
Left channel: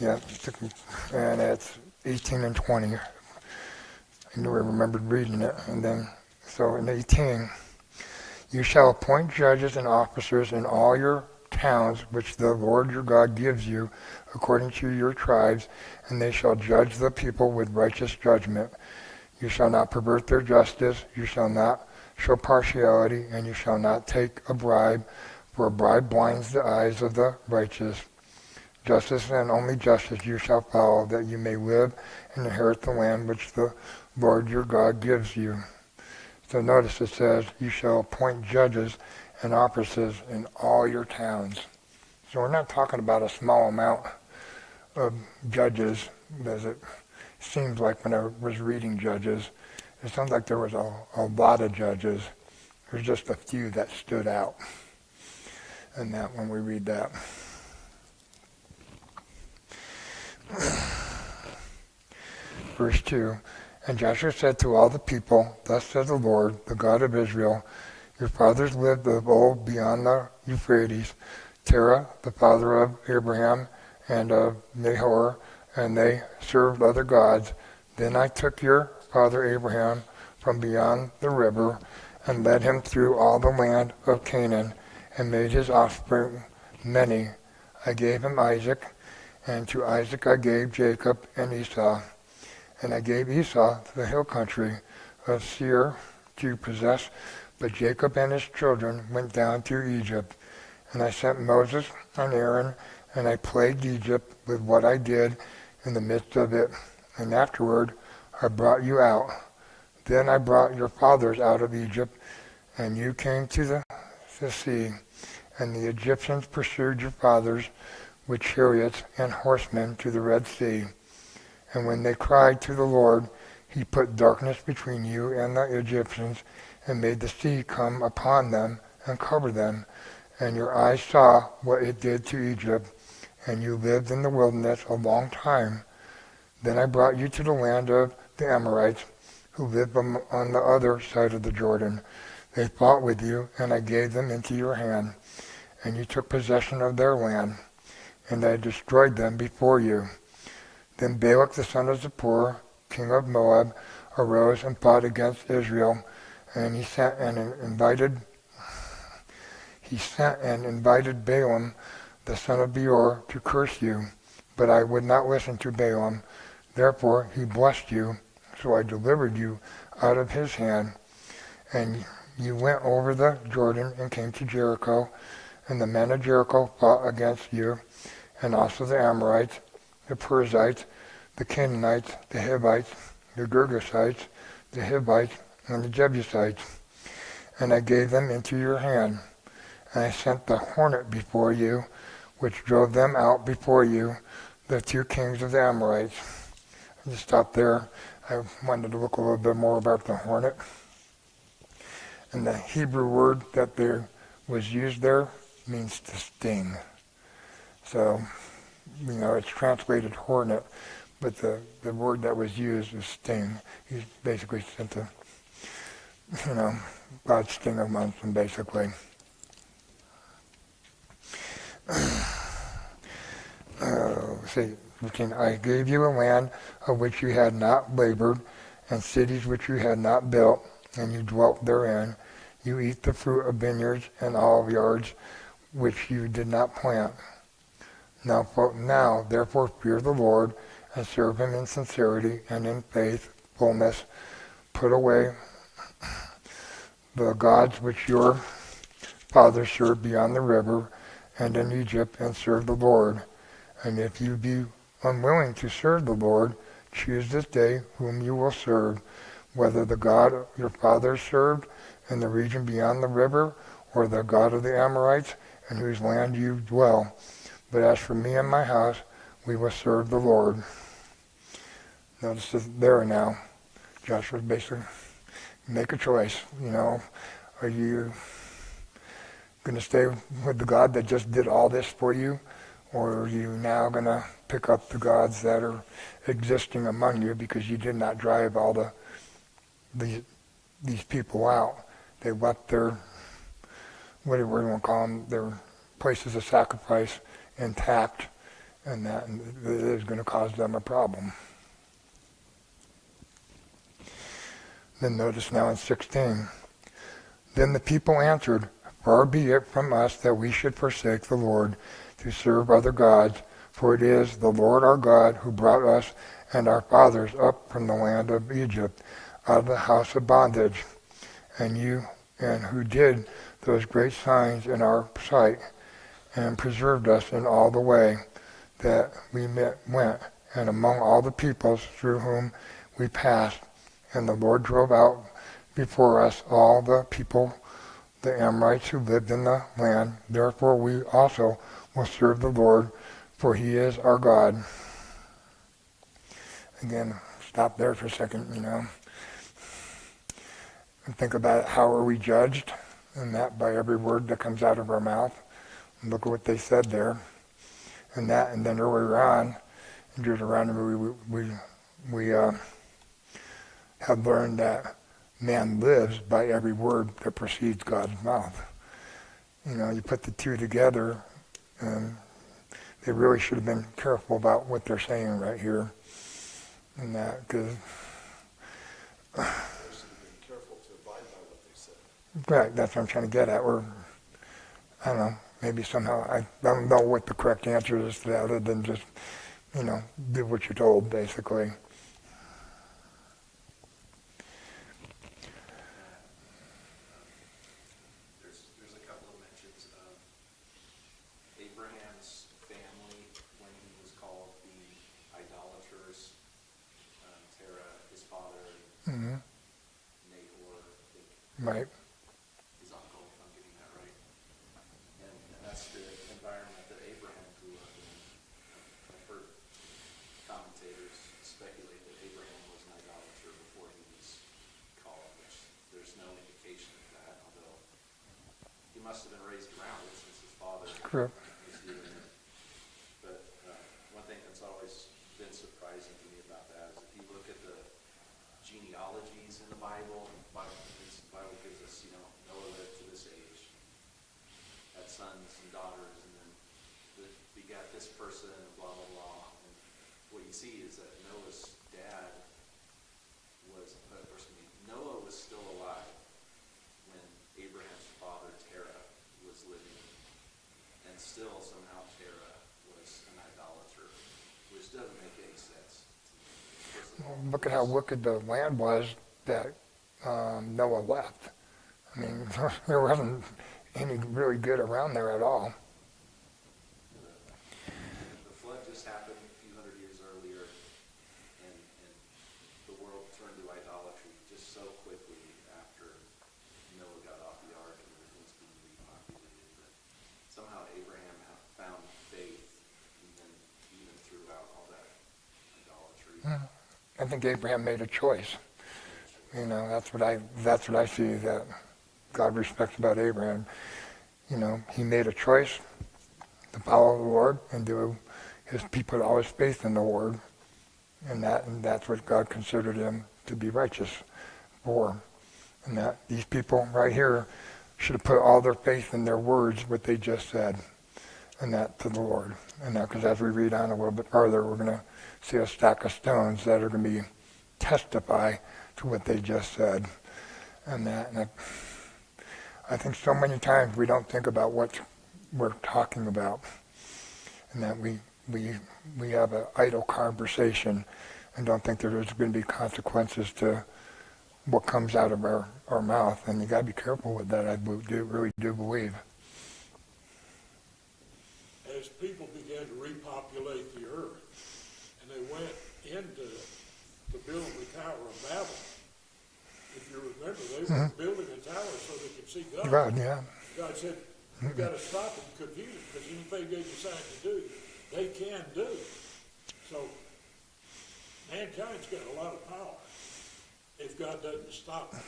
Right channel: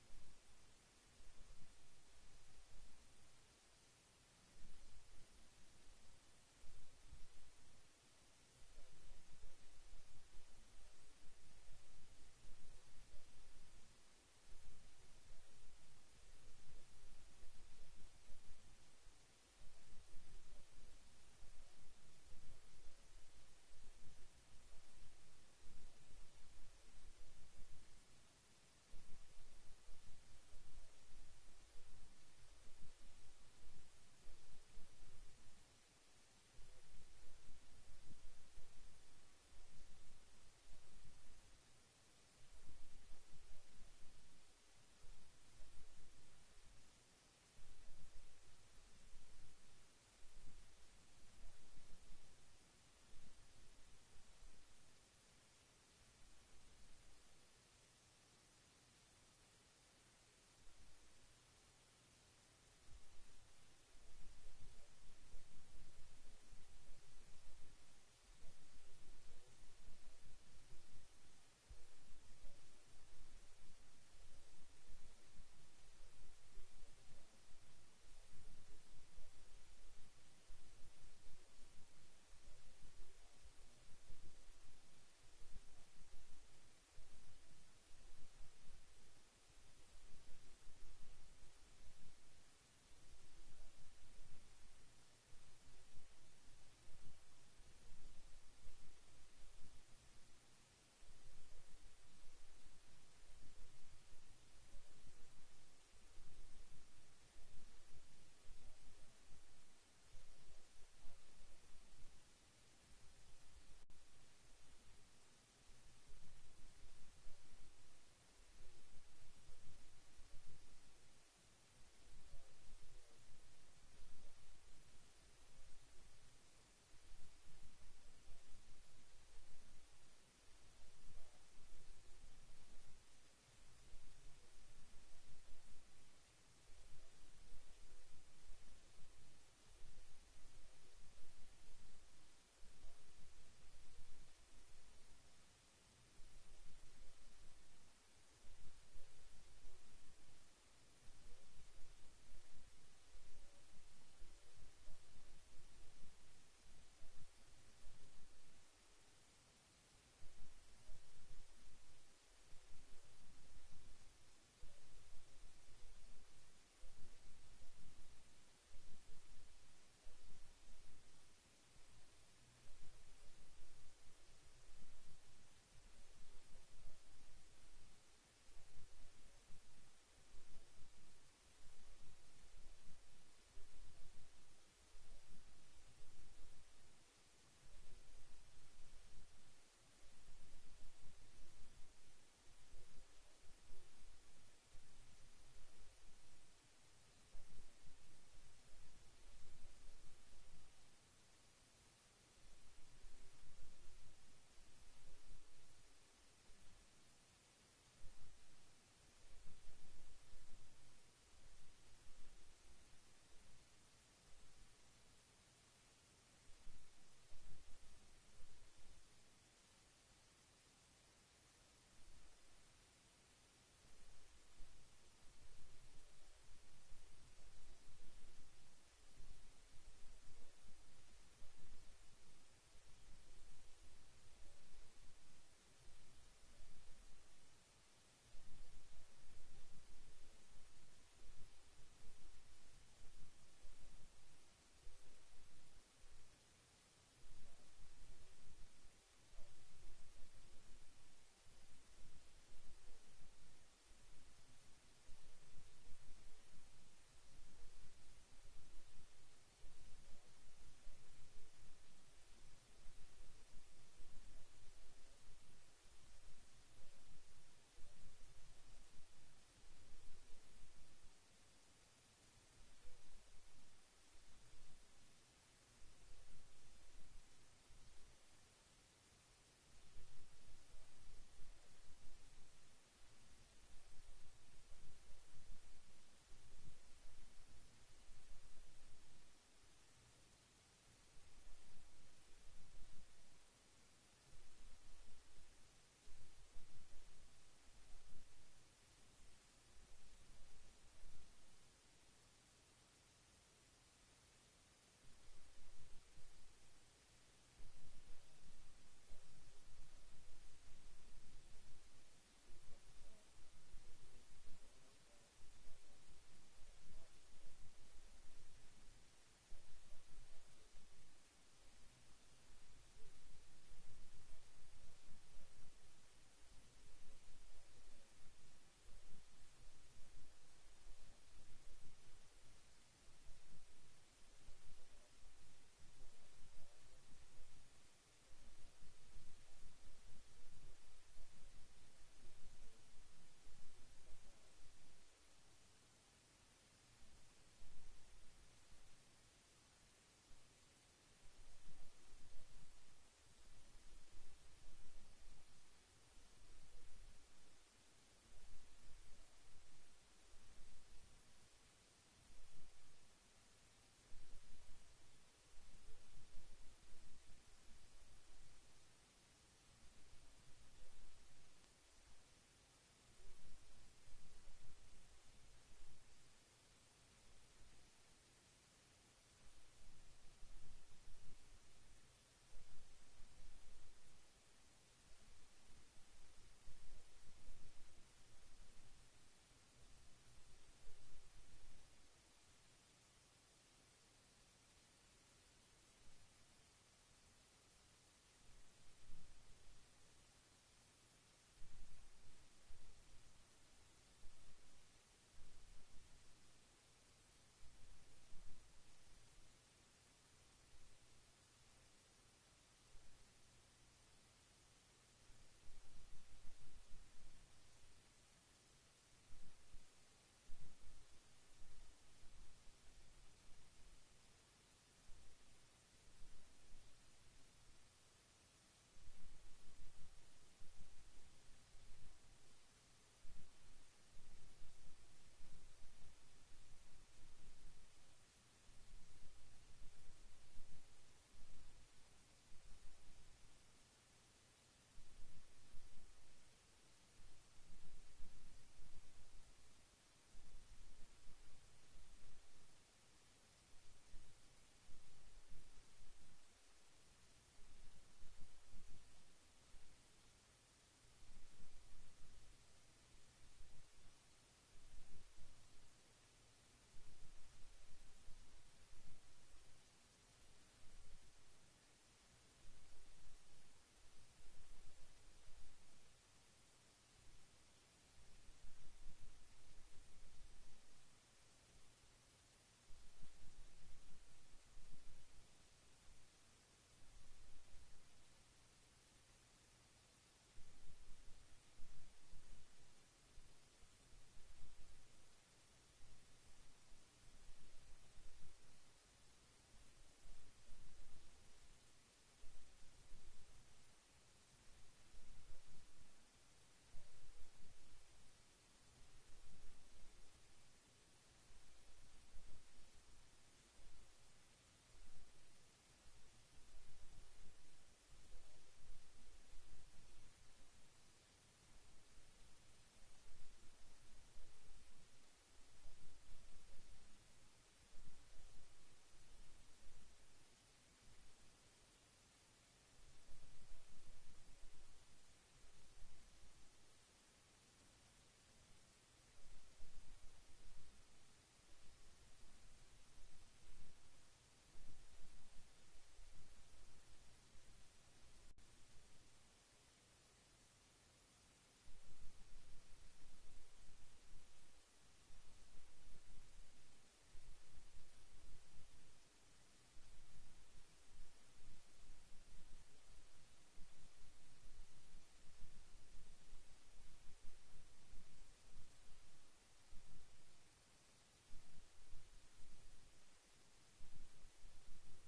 Yeah, and it's 18 and 20. I knew I remembered reading it. And then, so in 18, you shall appoint judges and officers in all your towns which the Lord your God gives you according to your tribes, and they shall judge the people with righteous judgment. You shall not pervert their justice, you shall not show partiality, and you shall not take a bribe, for a bribe blinds the eyes of the righteous. Justice and only justice you shall follow, that you may live and inherit the land which the Lord your God gives you. So notice it says, you shall appoint judges and officers in all your towns. So we're not talking about a small amount of judges, as it seems like when I was reading Judges. It sounds like there was a lot of judges. There's just a few that stood out in that when we read that. Verse 2, and Joshua said to all the people, thus says the Lord, the God of Israel, your fathers lived of old beyond the Euphrates, Terah, the father of Abraham and of Nahor, and they served other gods. Then I took your father Abraham from beyond the river and led him through all the land of Canaan and made his offspring many. I gave him Isaac, and to Isaac I gave Jacob and Esau. And I gave Esau the hill country of Seir to possess, but Jacob and his children went down to Egypt. And I sent Moses and Aaron, and I plagued Egypt with what I did in the midst of it. And afterward I brought you out. Then I brought your fathers out of Egypt, and you came to the sea. And the Egyptians pursued your fathers with chariots and horsemen to the Red Sea. And when they cried to the Lord, he put darkness between you and the Egyptians, and made the sea come upon them and cover them. And your eyes saw what it did to Egypt, and you lived in the wilderness a long time. Then I brought you to the land of the Amorites, who lived on the other side of the Jordan. They fought with you, and I gave them into your hand, and you took possession of their land, and I destroyed them before you. Then Balak the son of Zippor, king of Moab, arose and fought against Israel, and he sent and invited Balaam the son of Beor to curse you, but I would not listen to Balaam. Therefore he blessed you, so I delivered you out of his hand. And you went over the Jordan and came to Jericho, and the men of Jericho fought against you, and also the Amorites, the Perizzites, the Canaanites, the Hivites, the Girgashites, the Hivites, and the Jebusites. And I gave them into your hand. And I sent the hornet before you, which drove them out before you, the two kings of the Amorites. I just stopped there. I wanted to look a little bit more about the hornet. And the Hebrew word that there was used there means to sting. So, it's translated hornet, but the word that was used is sting. He basically sent God's sting amongst them, basically. I gave you a land of which you had not labored, and cities which you had not built, and you dwelt therein. You eat the fruit of vineyards and olive yards, which you did not plant. Now, therefore, fear the Lord, and serve him in sincerity and in faithfulness. Put away the gods which your fathers served beyond the river and in Egypt, and serve the Lord. And if you be unwilling to serve the Lord, choose this day whom you will serve, whether the God your fathers served in the region beyond the river, or the God of the Amorites, in whose land you dwell. But as for me and my house, we will serve the Lord. Notice there now, Joshua's basically make a choice. Are you going to stay with the God that just did all this for you, or are you now going to pick up the gods that are existing among you because you did not drive all these people out? They left their, what do we want to call them, their places of sacrifice intact, and that is going to cause them a problem. Then notice now in 16, then the people answered, far be it from us that we should forsake the Lord to serve other gods, for it is the Lord our God who brought us and our fathers up from the land of Egypt, out of the house of bondage, and who did those great signs in our sight, and preserved us in all the way. that we went, and among all the peoples through whom we passed, and the Lord drove out before us all the people, the Amorites who lived in the land. Therefore we also will serve the Lord, for he is our God. Again, stop there for a second, and think about it. How are we judged? And that by every word that comes out of our mouth. And look at what they said there. And then earlier on, in Deuteronomy, we have learned that man lives by every word that proceeds God's mouth. You put the two together, and they really should have been careful about what they're saying right here. And that, because... They should have been careful to abide by what they said. Right, that's what I'm trying to get at. Or, I don't know, maybe somehow, I don't know what the correct answer is to that other than just, do what you're told, basically. There's a couple of mentions of Abraham's family when he was called the idolaters. Terah, his father, Mm-hmm. Nahor, I think, Right. his uncle, if I'm getting that right. And that's the environment that Abraham grew up in. I've heard commentators speculate that Abraham was an idolater before he was called, which there's no indication of that, although he must have been raised around it since his father Correct. was doing it. But one thing that's always been surprising to me about that is if you look at the genealogies in the Bible gives us, Noah lived to this age, had sons and daughters, and then begat this person, and blah, blah, blah. And what you see is that Noah's dad Noah was still alive when Abraham's father, Terah, was living, and still somehow Terah was an idolater, which doesn't make any sense. Well, look at how wicked the land was that Noah left. I mean, there wasn't any really good around there at all. The flood just happened a few hundred years earlier, and the world turned to idolatry just so quickly after Noah got off the ark and everything was being repopulated. But somehow Abraham found faith even throughout all that idolatry. I think Abraham made a choice. That's what I see that God respects about Abraham. He made a choice to follow the Lord and he put all his faith in the Lord, and that's what God considered him to be righteous for. And that these people right here should have put all their faith in their words, what they just said, and that to the Lord. And that, because as we read on a little bit further, we're going to see a stack of stones that are going to testify to what they just said. And I think so many times we don't think about what we're talking about, and that we have an idle conversation and don't think that there's going to be consequences to what comes out of our mouth. And you got to be careful with that, I really do believe. As people began to repopulate the earth, and they went into the building the Tower of Babel, if you remember, they were building a tower so they could see God. God, yeah. God said, you've got to stop and confuse it, because anything they decide to do, they can do. So, mankind's got a lot of power if God doesn't stop it.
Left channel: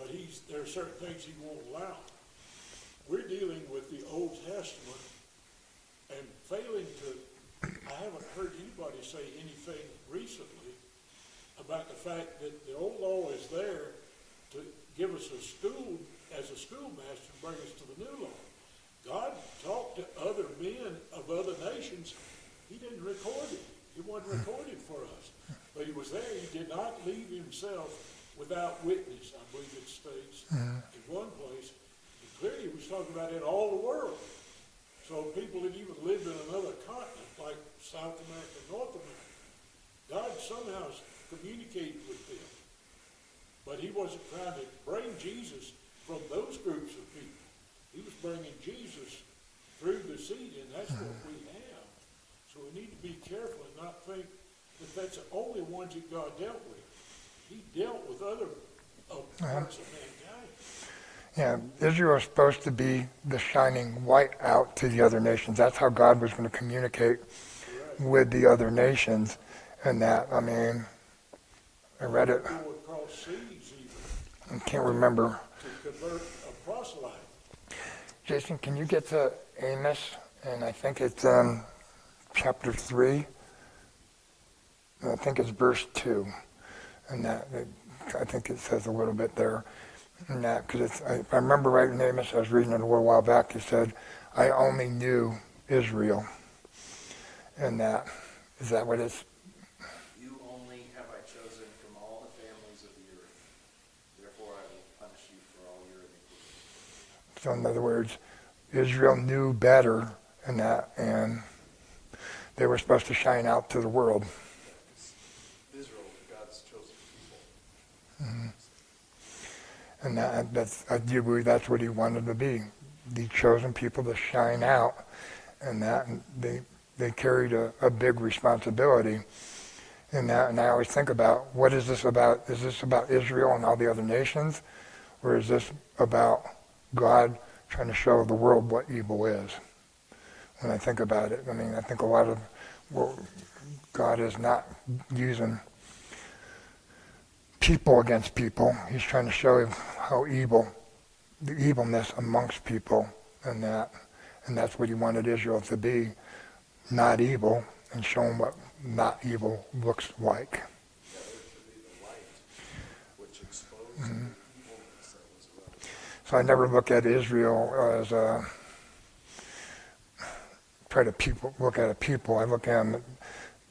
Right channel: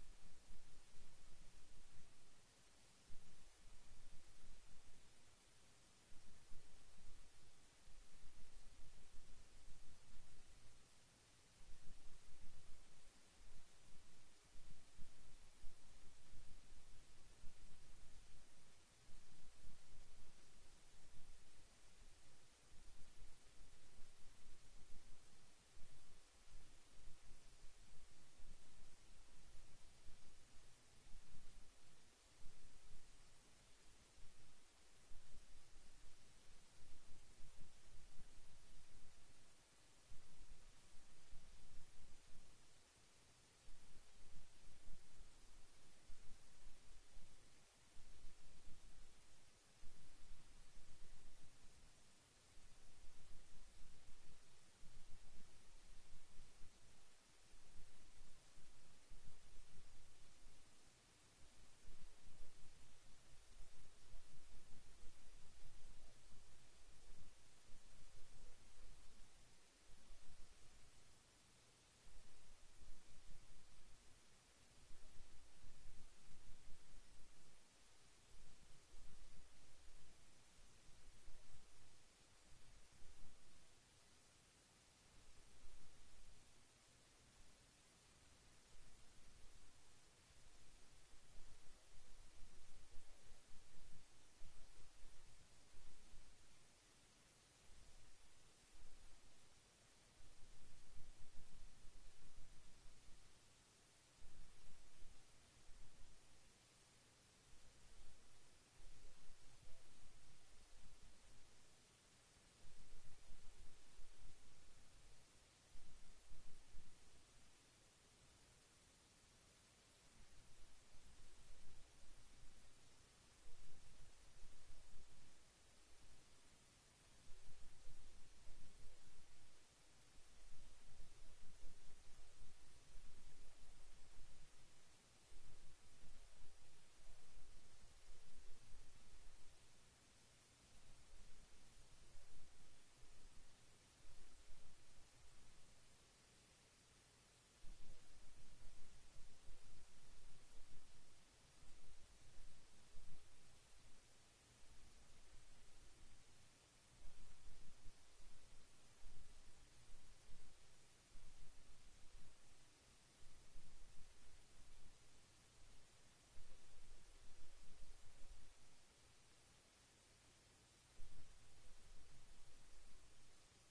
But there are certain things he won't allow. We're dealing with the Old Testament and failing to, I haven't heard anybody say anything recently about the fact that the old law is there to give us a school, as a schoolmaster, to bring us to the new law. God talked to other men of other nations. He didn't record it. It wasn't recorded for us. But he was there. He did not leave himself without witness, I believe it states in one place. And clearly he was talking about in all the world. So people that even lived in another continent, like South America and North America, God somehow communicated with them. But he wasn't trying to bring Jesus from those groups of people. He was bringing Jesus through the seed, and that's what we have. So we need to be careful and not think that that's the only ones that God dealt with. He dealt with other parts of mankind. Yeah, Israel is supposed to be the shining light out to the other nations. That's how God was going to communicate with the other nations. And that, I mean, I read it. Go across seas even I can't remember. to convert a proselyte. Jason, can you get to Amos? And I think it's chapter 3. I think it's verse 2. And I think it says a little bit there. And that, because if I remember right in Amos, I was reading it a little while back, it said, I only knew Israel. And that, is that what it's? You only have I chosen from all the families of the earth. Therefore I will punish you for all your iniquities. So in other words, Israel knew better and that, and they were supposed to shine out to the world. Israel, God's chosen people. Mm-hmm. And that's, I do believe that's what he wanted to be, the chosen people to shine out, and that, and they carried a big responsibility in that. And I always think about, what is this about? Is this about Israel and all the other nations, or is this about God trying to show the world what evil is? When I think about it, I mean, I think a lot of, well, God is not using people against people. He's trying to show how evil, the evilness amongst people, and that's what he wanted Israel to be, not evil, and show them what not evil looks like. Yeah, they're to be the light, which exposed the evilness that was around. So I never look at Israel as look at a people. I look at them,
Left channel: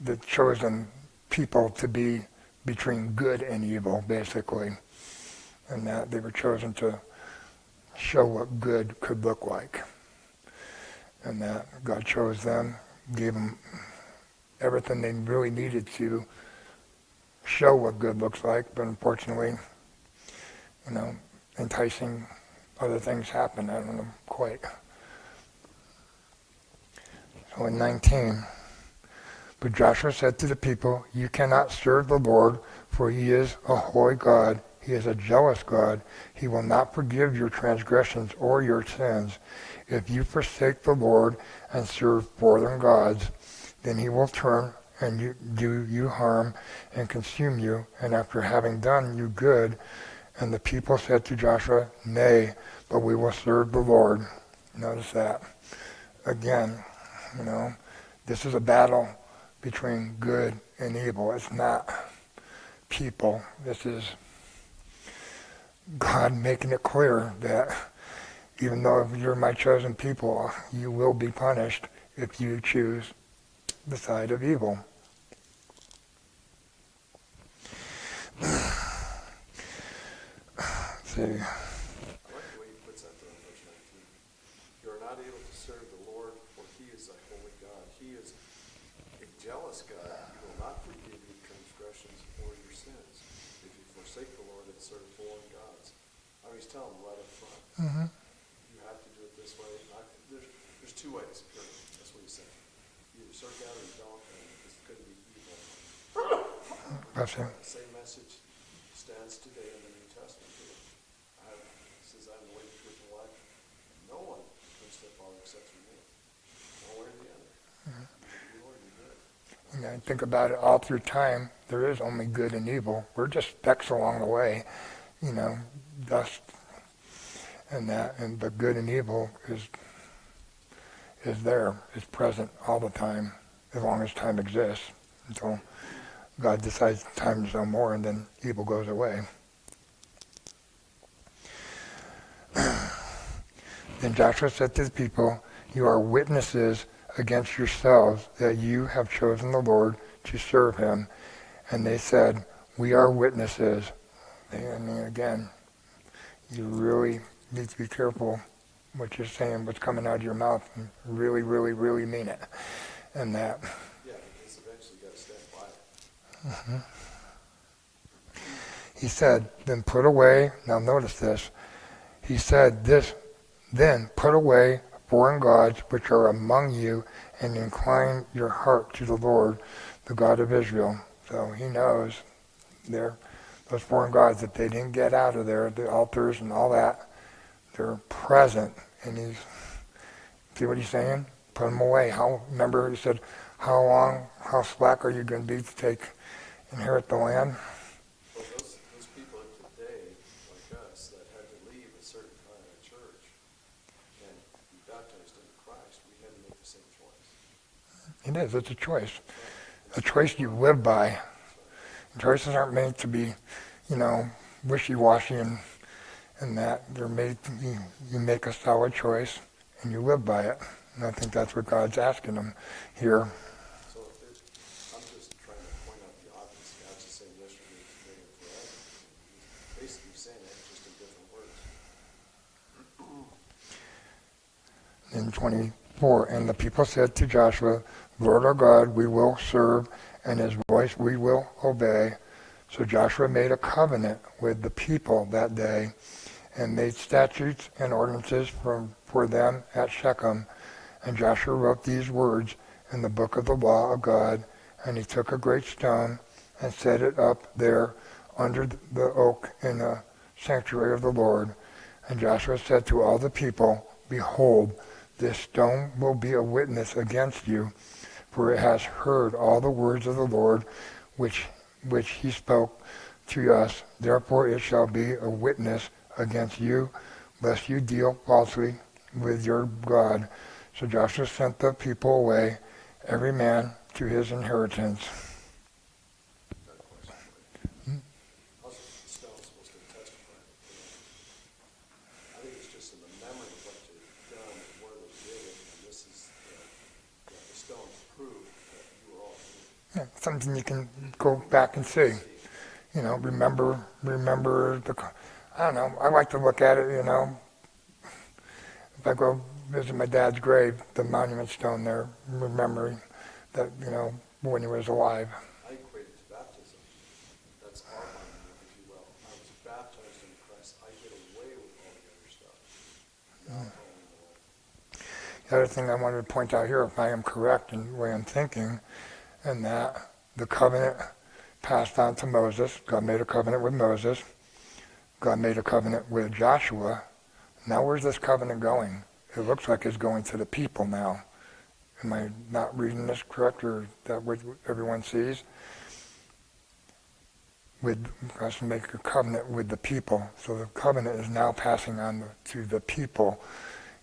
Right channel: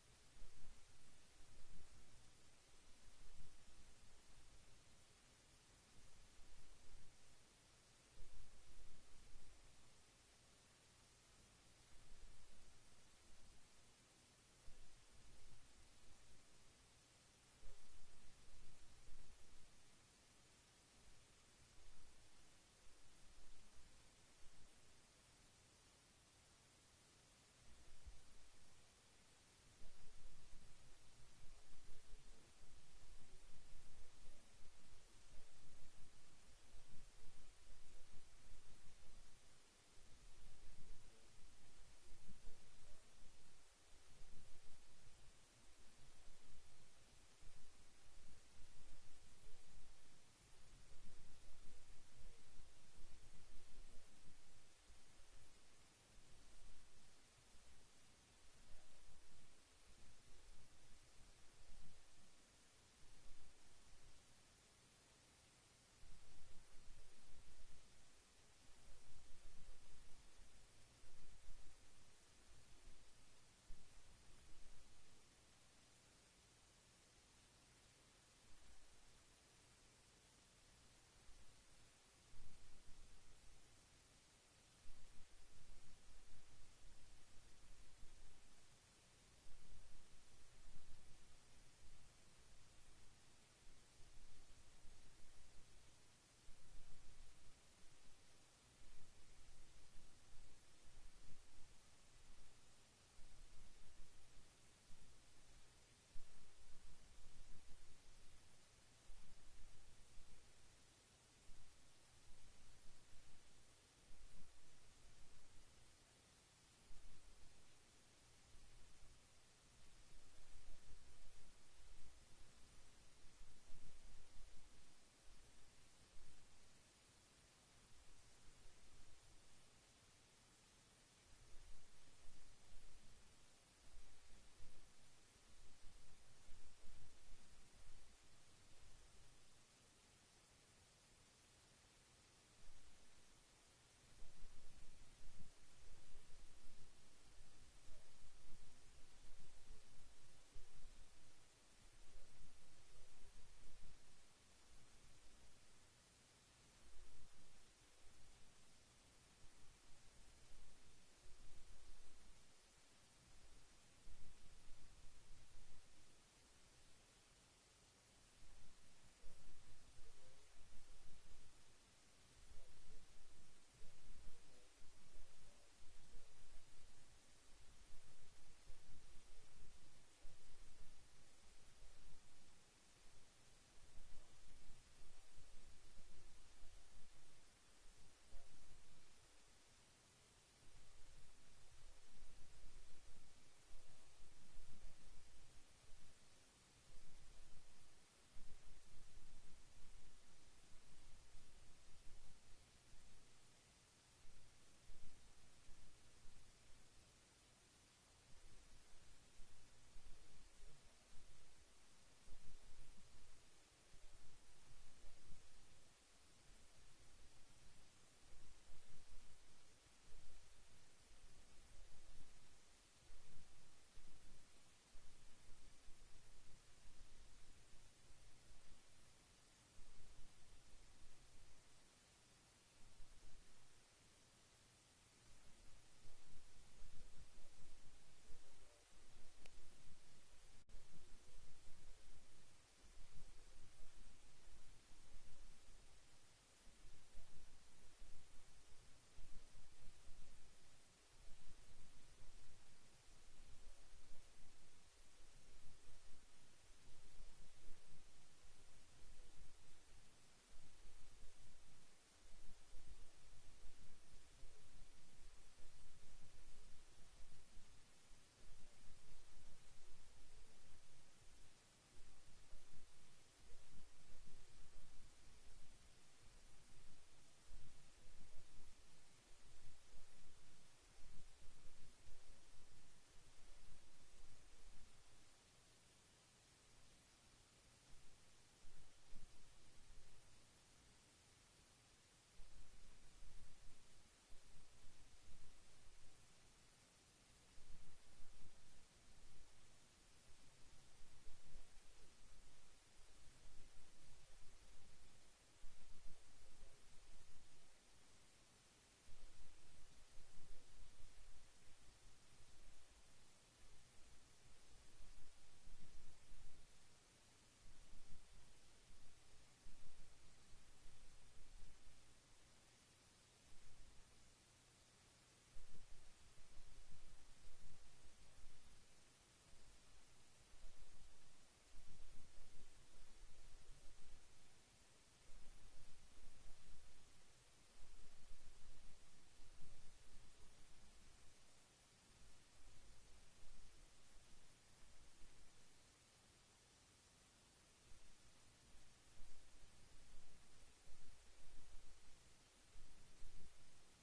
the chosen people, to be between good and evil, basically. And that they were chosen to show what good could look like. And that God chose them, gave them everything they really needed to show what good looks like, but unfortunately, enticing other things happen. I don't know quite. So in 19, but Joshua said to the people, you cannot serve the Lord, for he is a holy God. He is a jealous God. He will not forgive your transgressions or your sins. If you forsake the Lord and serve foreign gods, then he will turn and do you harm and consume you, and after having done you good. And the people said to Joshua, nay, but we will serve the Lord. Notice that. Again, this is a battle between good and evil. It's not people. This is God making it clear that even though you're my chosen people, you will be punished if you choose the side of evil. Let's see. I like the way he puts that there in verse 19. You are not able to serve the Lord, for he is a holy God. He is a jealous God. He will not forgive your transgressions or your sins if you forsake the Lord and serve foreign gods. I mean, he's telling them right up front. Mm-hmm. You have to do it this way. There's two ways, period. That's what he's saying. You either serve God or you don't, and it's going to be evil. That's it. The same message stands today in the New Testament. It says, I'm the way, the truth, and life. No one comes to the Father except through me. One way or the other. You Lord, you good. I think about it all through time. There is only good and evil. We're just specks along the way, dust, and that. And but good and evil is there, is present all the time, as long as time exists, until God decides time is no more, and then evil goes away. Then Joshua said to the people, you are witnesses against yourselves that you have chosen the Lord to serve him. And they said, we are witnesses. Again, you really need to be careful what you're saying, what's coming out of your mouth, and really, really, really mean it. And that. Yeah, because eventually you got to stand by it. Mm-hmm. He said, then put away, now notice this, he said this, then put away foreign gods which are among you, and incline your heart to the Lord, the God of Israel. So he knows those foreign gods, if they didn't get out of there, the altars and all that, they're present. And see what he's saying? Put them away. Remember he said, how slack are you going to be to inherit the land? Well, those people of today, like us, that had to leave a certain kind of church and be baptized into Christ, we had to make the same choice. It is. It's a choice. A choice you live by. Choices aren't made to be, wishy-washy and that. They're made to be, you make a solid choice and you live by it. And I think that's what God's asking them here. So I'm just trying to point out the obvious. God's the same yesterday, today, and forever. He's basically saying that just in different words. In 24, and the people said to Joshua, Lord our God, we will serve, and his voice we will obey. So Joshua made a covenant with the people that day, and made statutes and ordinances for them at Shechem. And Joshua wrote these words in the book of the law of God, and he took a great stone and set it up there under the oak in the sanctuary of the Lord. And Joshua said to all the people, Behold, this stone will be a witness against you, for it has heard all the words of the Lord which he spoke to us. Therefore it shall be a witness against you, lest you deal falsely with your God. So Joshua sent the people away, every man to his inheritance. How's the stone supposed to testify? I think it's just in the memory of what they've done and where they did it, and this is the stone to prove that you were all here. Yeah, something you can go back and see. Remember I don't know, I like to look at it, if I go visit my dad's grave, the monument stone there, remembering that, when he was alive. I equate it to baptism. That's our monument, if you will. I was baptized in Christ. I get away with all the other stuff. Now I'm following the Lord. The other thing I wanted to point out here, if I am correct in the way I'm thinking, and that the covenant passed on to Moses. God made a covenant with Moses. God made a covenant with Joshua. Now where's this covenant going? It looks like it's going to the people now. Am I not reading this correct, or is that what everyone sees? With us to make a covenant with the people. So the covenant is now passing on to the people.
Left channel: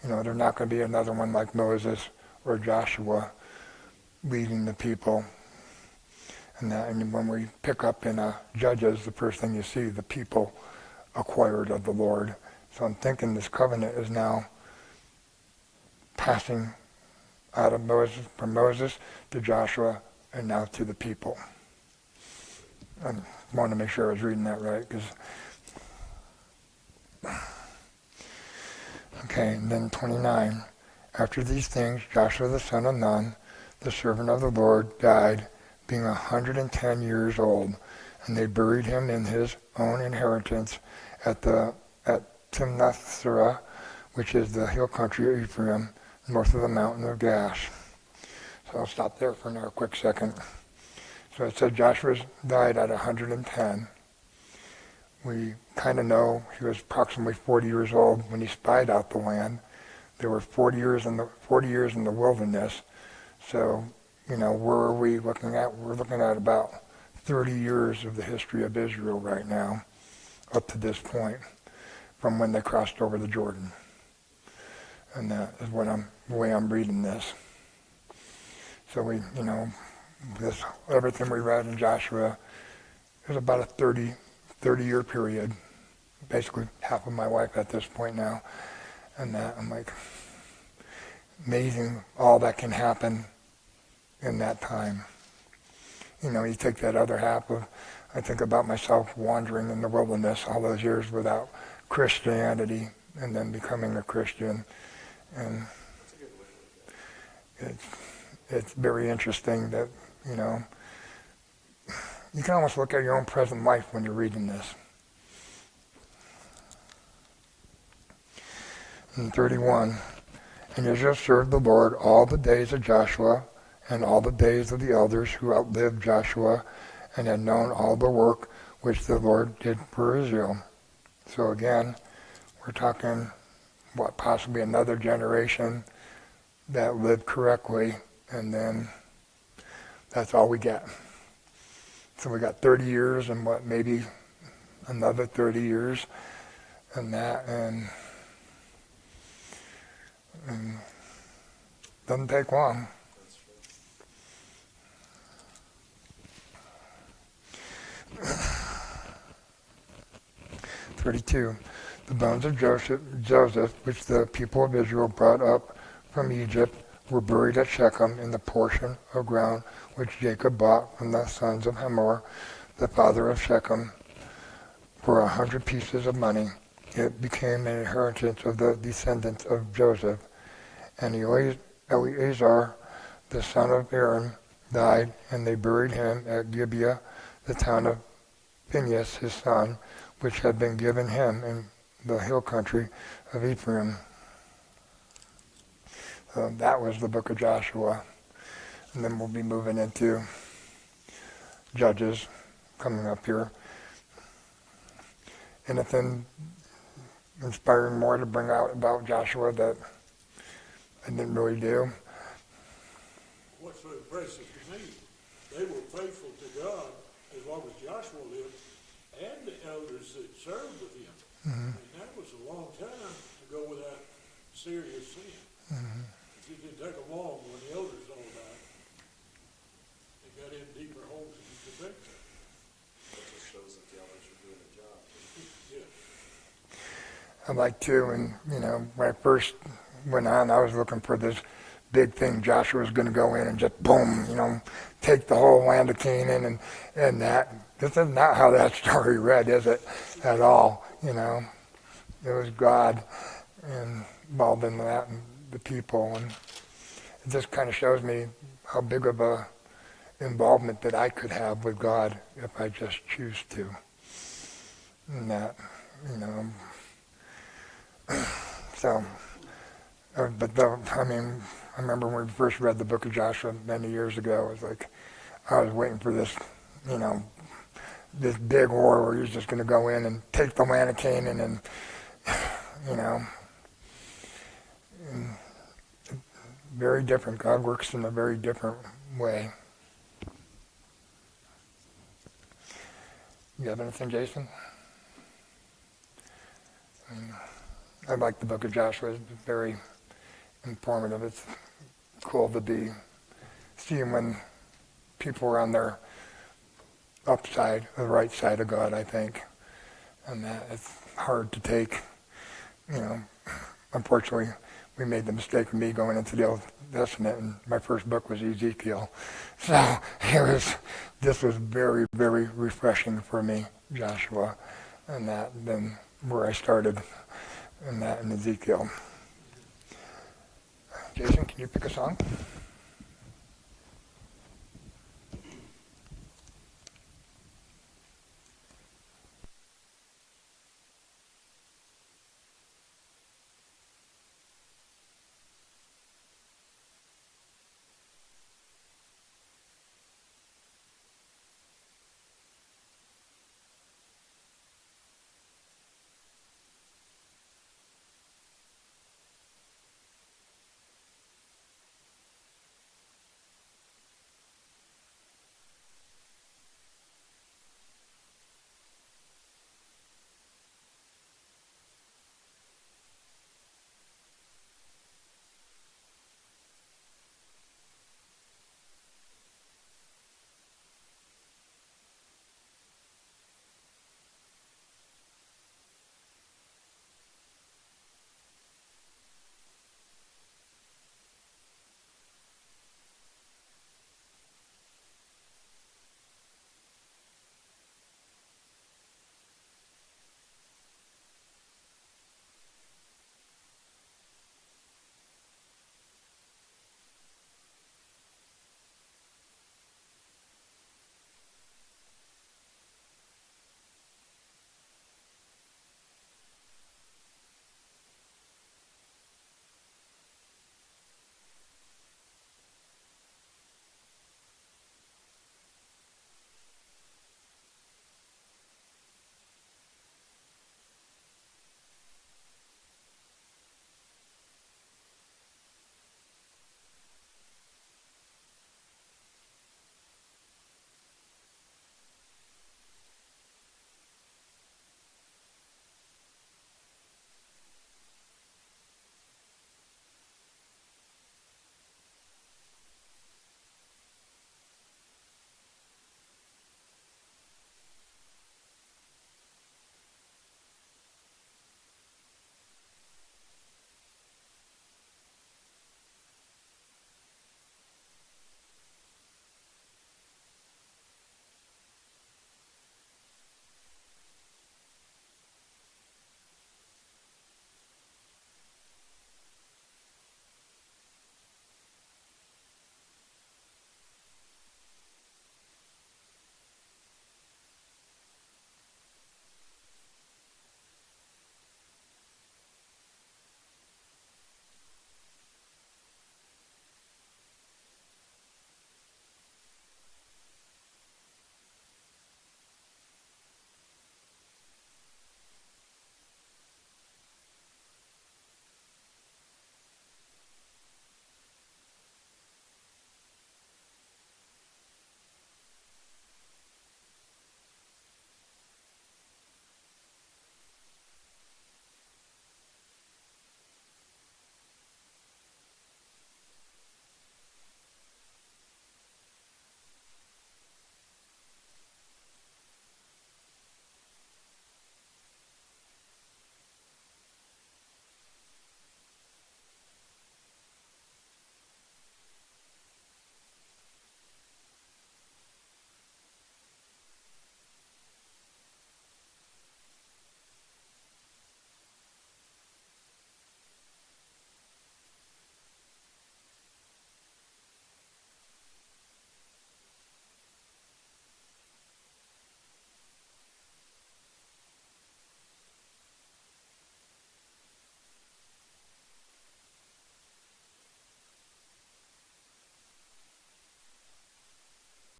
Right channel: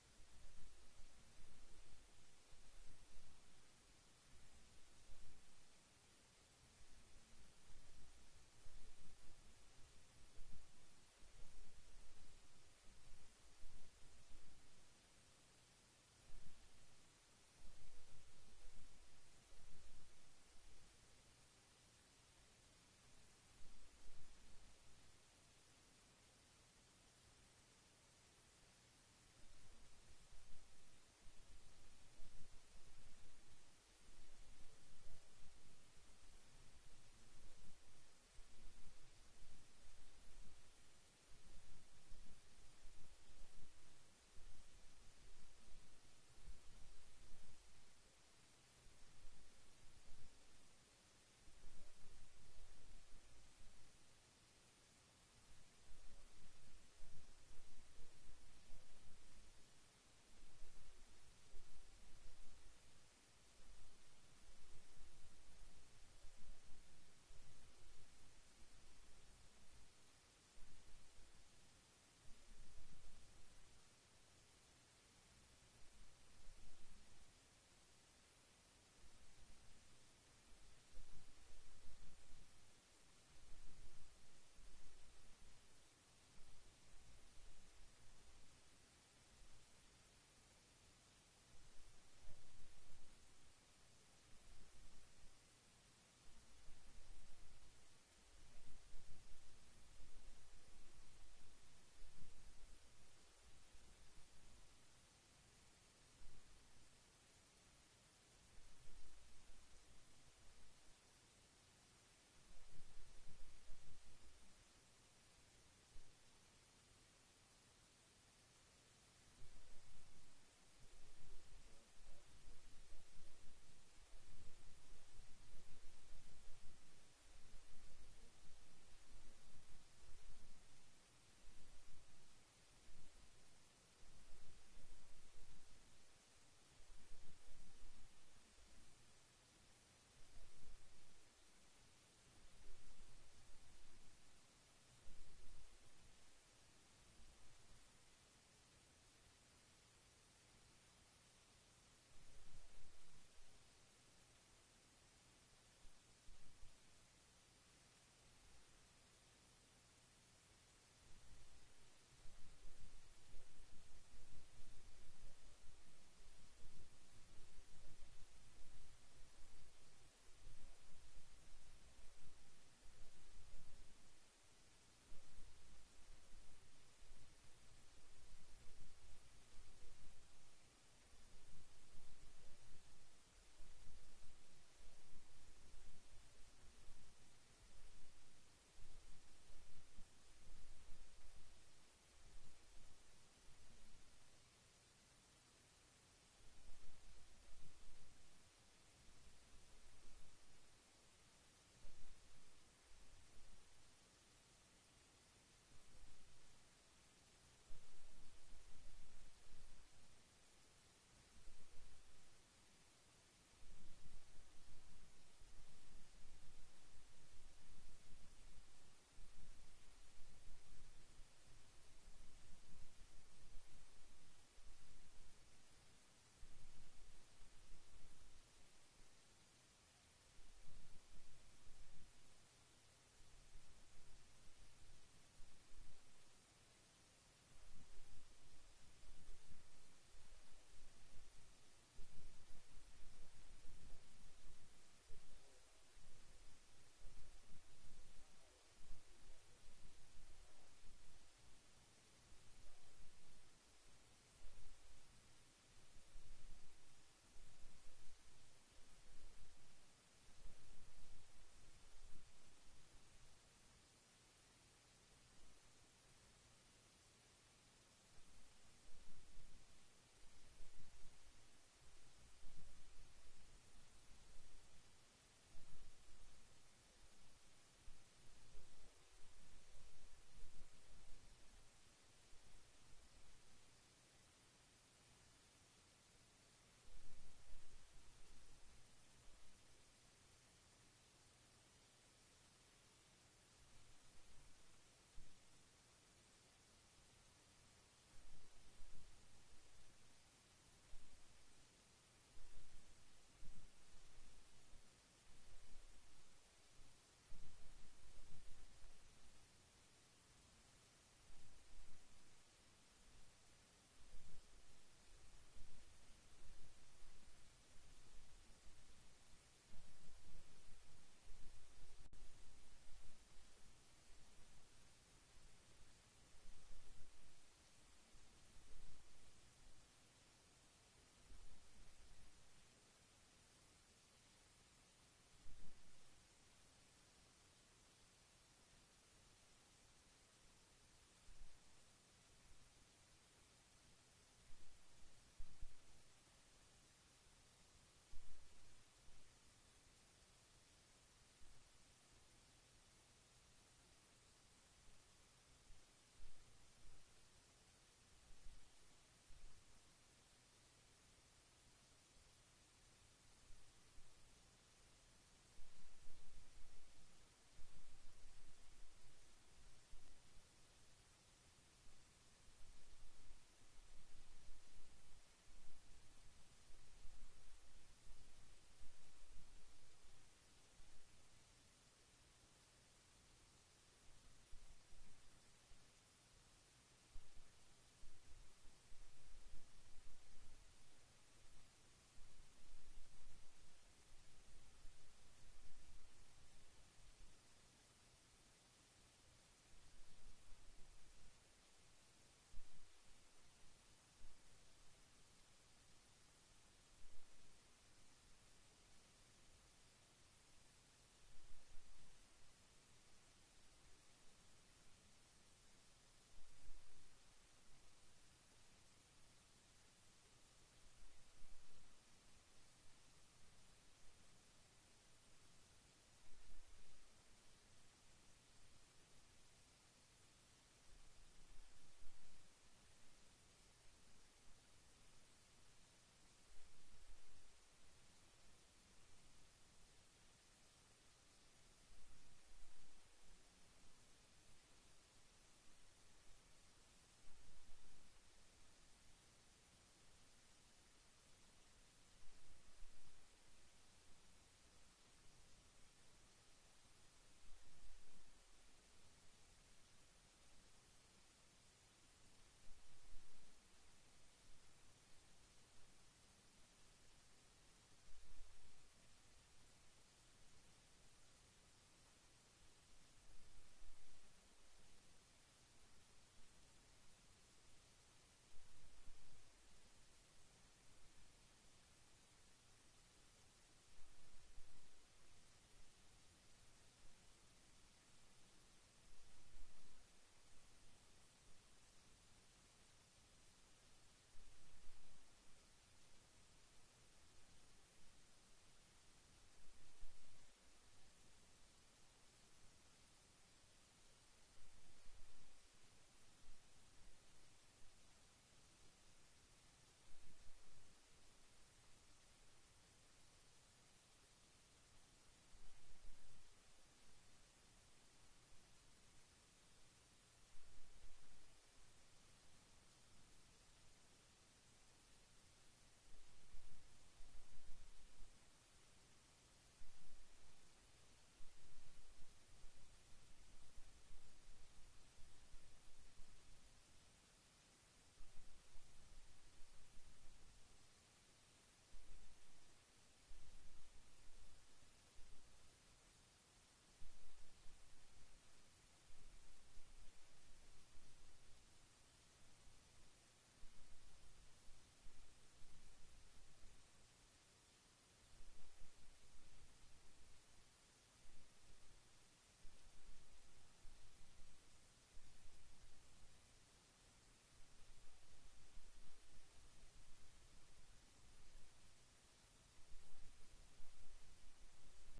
There's not going to be another one like Moses or Joshua leading the people. And when we pick up in Judges, the first thing you see, the people acquired of the Lord. So I'm thinking this covenant is now passing out of Moses, from Moses to Joshua, and now to the people. I wanted to make sure I was reading that right, Okay, and then 29. After these things, Joshua the son of Nun, the servant of the Lord, died, being 110 years old, and they buried him in his own inheritance at Timnath-serah, which is the hill country of Ephraim, north of the mountain of Gash. So I'll stop there for now a quick second. So it said Joshua died at 110. We kind of know he was approximately 40 years old when he spied out the land. There were 40 years in the wilderness. So, where are we looking at? We're looking at about 30 years of the history of Israel right now, up to this point, from when they crossed over the Jordan. And that is the way I'm reading this. So everything we read in Joshua is about a 30-year period. Basically half of my life at this point now. And that, I'm like, amazing all that can happen in that time. You take that other half of, I think about myself wandering in the wilderness all those years without Christianity, and then becoming a Christian. And it's very interesting that, you can almost look at your own present life when you're reading this. In 31, And Israel served the Lord all the days of Joshua and all the days of the elders who outlived Joshua and had known all the work which the Lord did for Israel. So again, we're talking, possibly another generation that lived correctly, and then that's all we get. So we got 30 years and maybe another 30 years and that, and doesn't take long. That's right. 32. The bones of Joseph, which the people of Israel brought up from Egypt, were buried at Shechem in the portion of ground which Jacob bought from the sons of Hamor, the father of Shechem, for 100 pieces of money. It became an inheritance of the descendants of Joseph. And Eleazar, the son of Aaron, died, and they buried him at Gibeah, the town of Phinehas, his son, which had been given him in the hill country of Ephraim. So that was the book of Joshua. And then we'll be moving into Judges coming up here. Anything inspiring more to bring out about Joshua that I didn't really do? What's so impressive to me, they were faithful to God as long as Joshua lived, and the elders that served with him. Mm-hmm. And that was a long time to go without serious sin. Mm-hmm. It didn't take them long when the elders all died. They got in deeper holes than you could think of. That just shows that the elders are doing their job. Yeah. I'd like to, and when I first went on, I was looking for this big thing. Joshua was going to go in and just boom, take the whole land of Canaan and that. This is not how that story read, is it? At all, It was God involved in that and the people, and it just kind of shows me how big of a involvement that I could have with God if I just choose to. And that, so, I remember when we first read the book of Joshua many years ago, it was like, I was waiting for this, this big war where he's just going to go in and take the land of Canaan and, and very different. God works in a very different way. You have anything, Jason? I like the book of Joshua. It's very informative. It's cool to be seeing when people are on their upside, the right side of God, I think. And that it's hard to take. Unfortunately, we made the mistake of me going into the Old Testament, and my first book was Ezekiel. So this was very, very refreshing for me, Joshua, and that then where I started in Ezekiel. Jason, can you pick a song?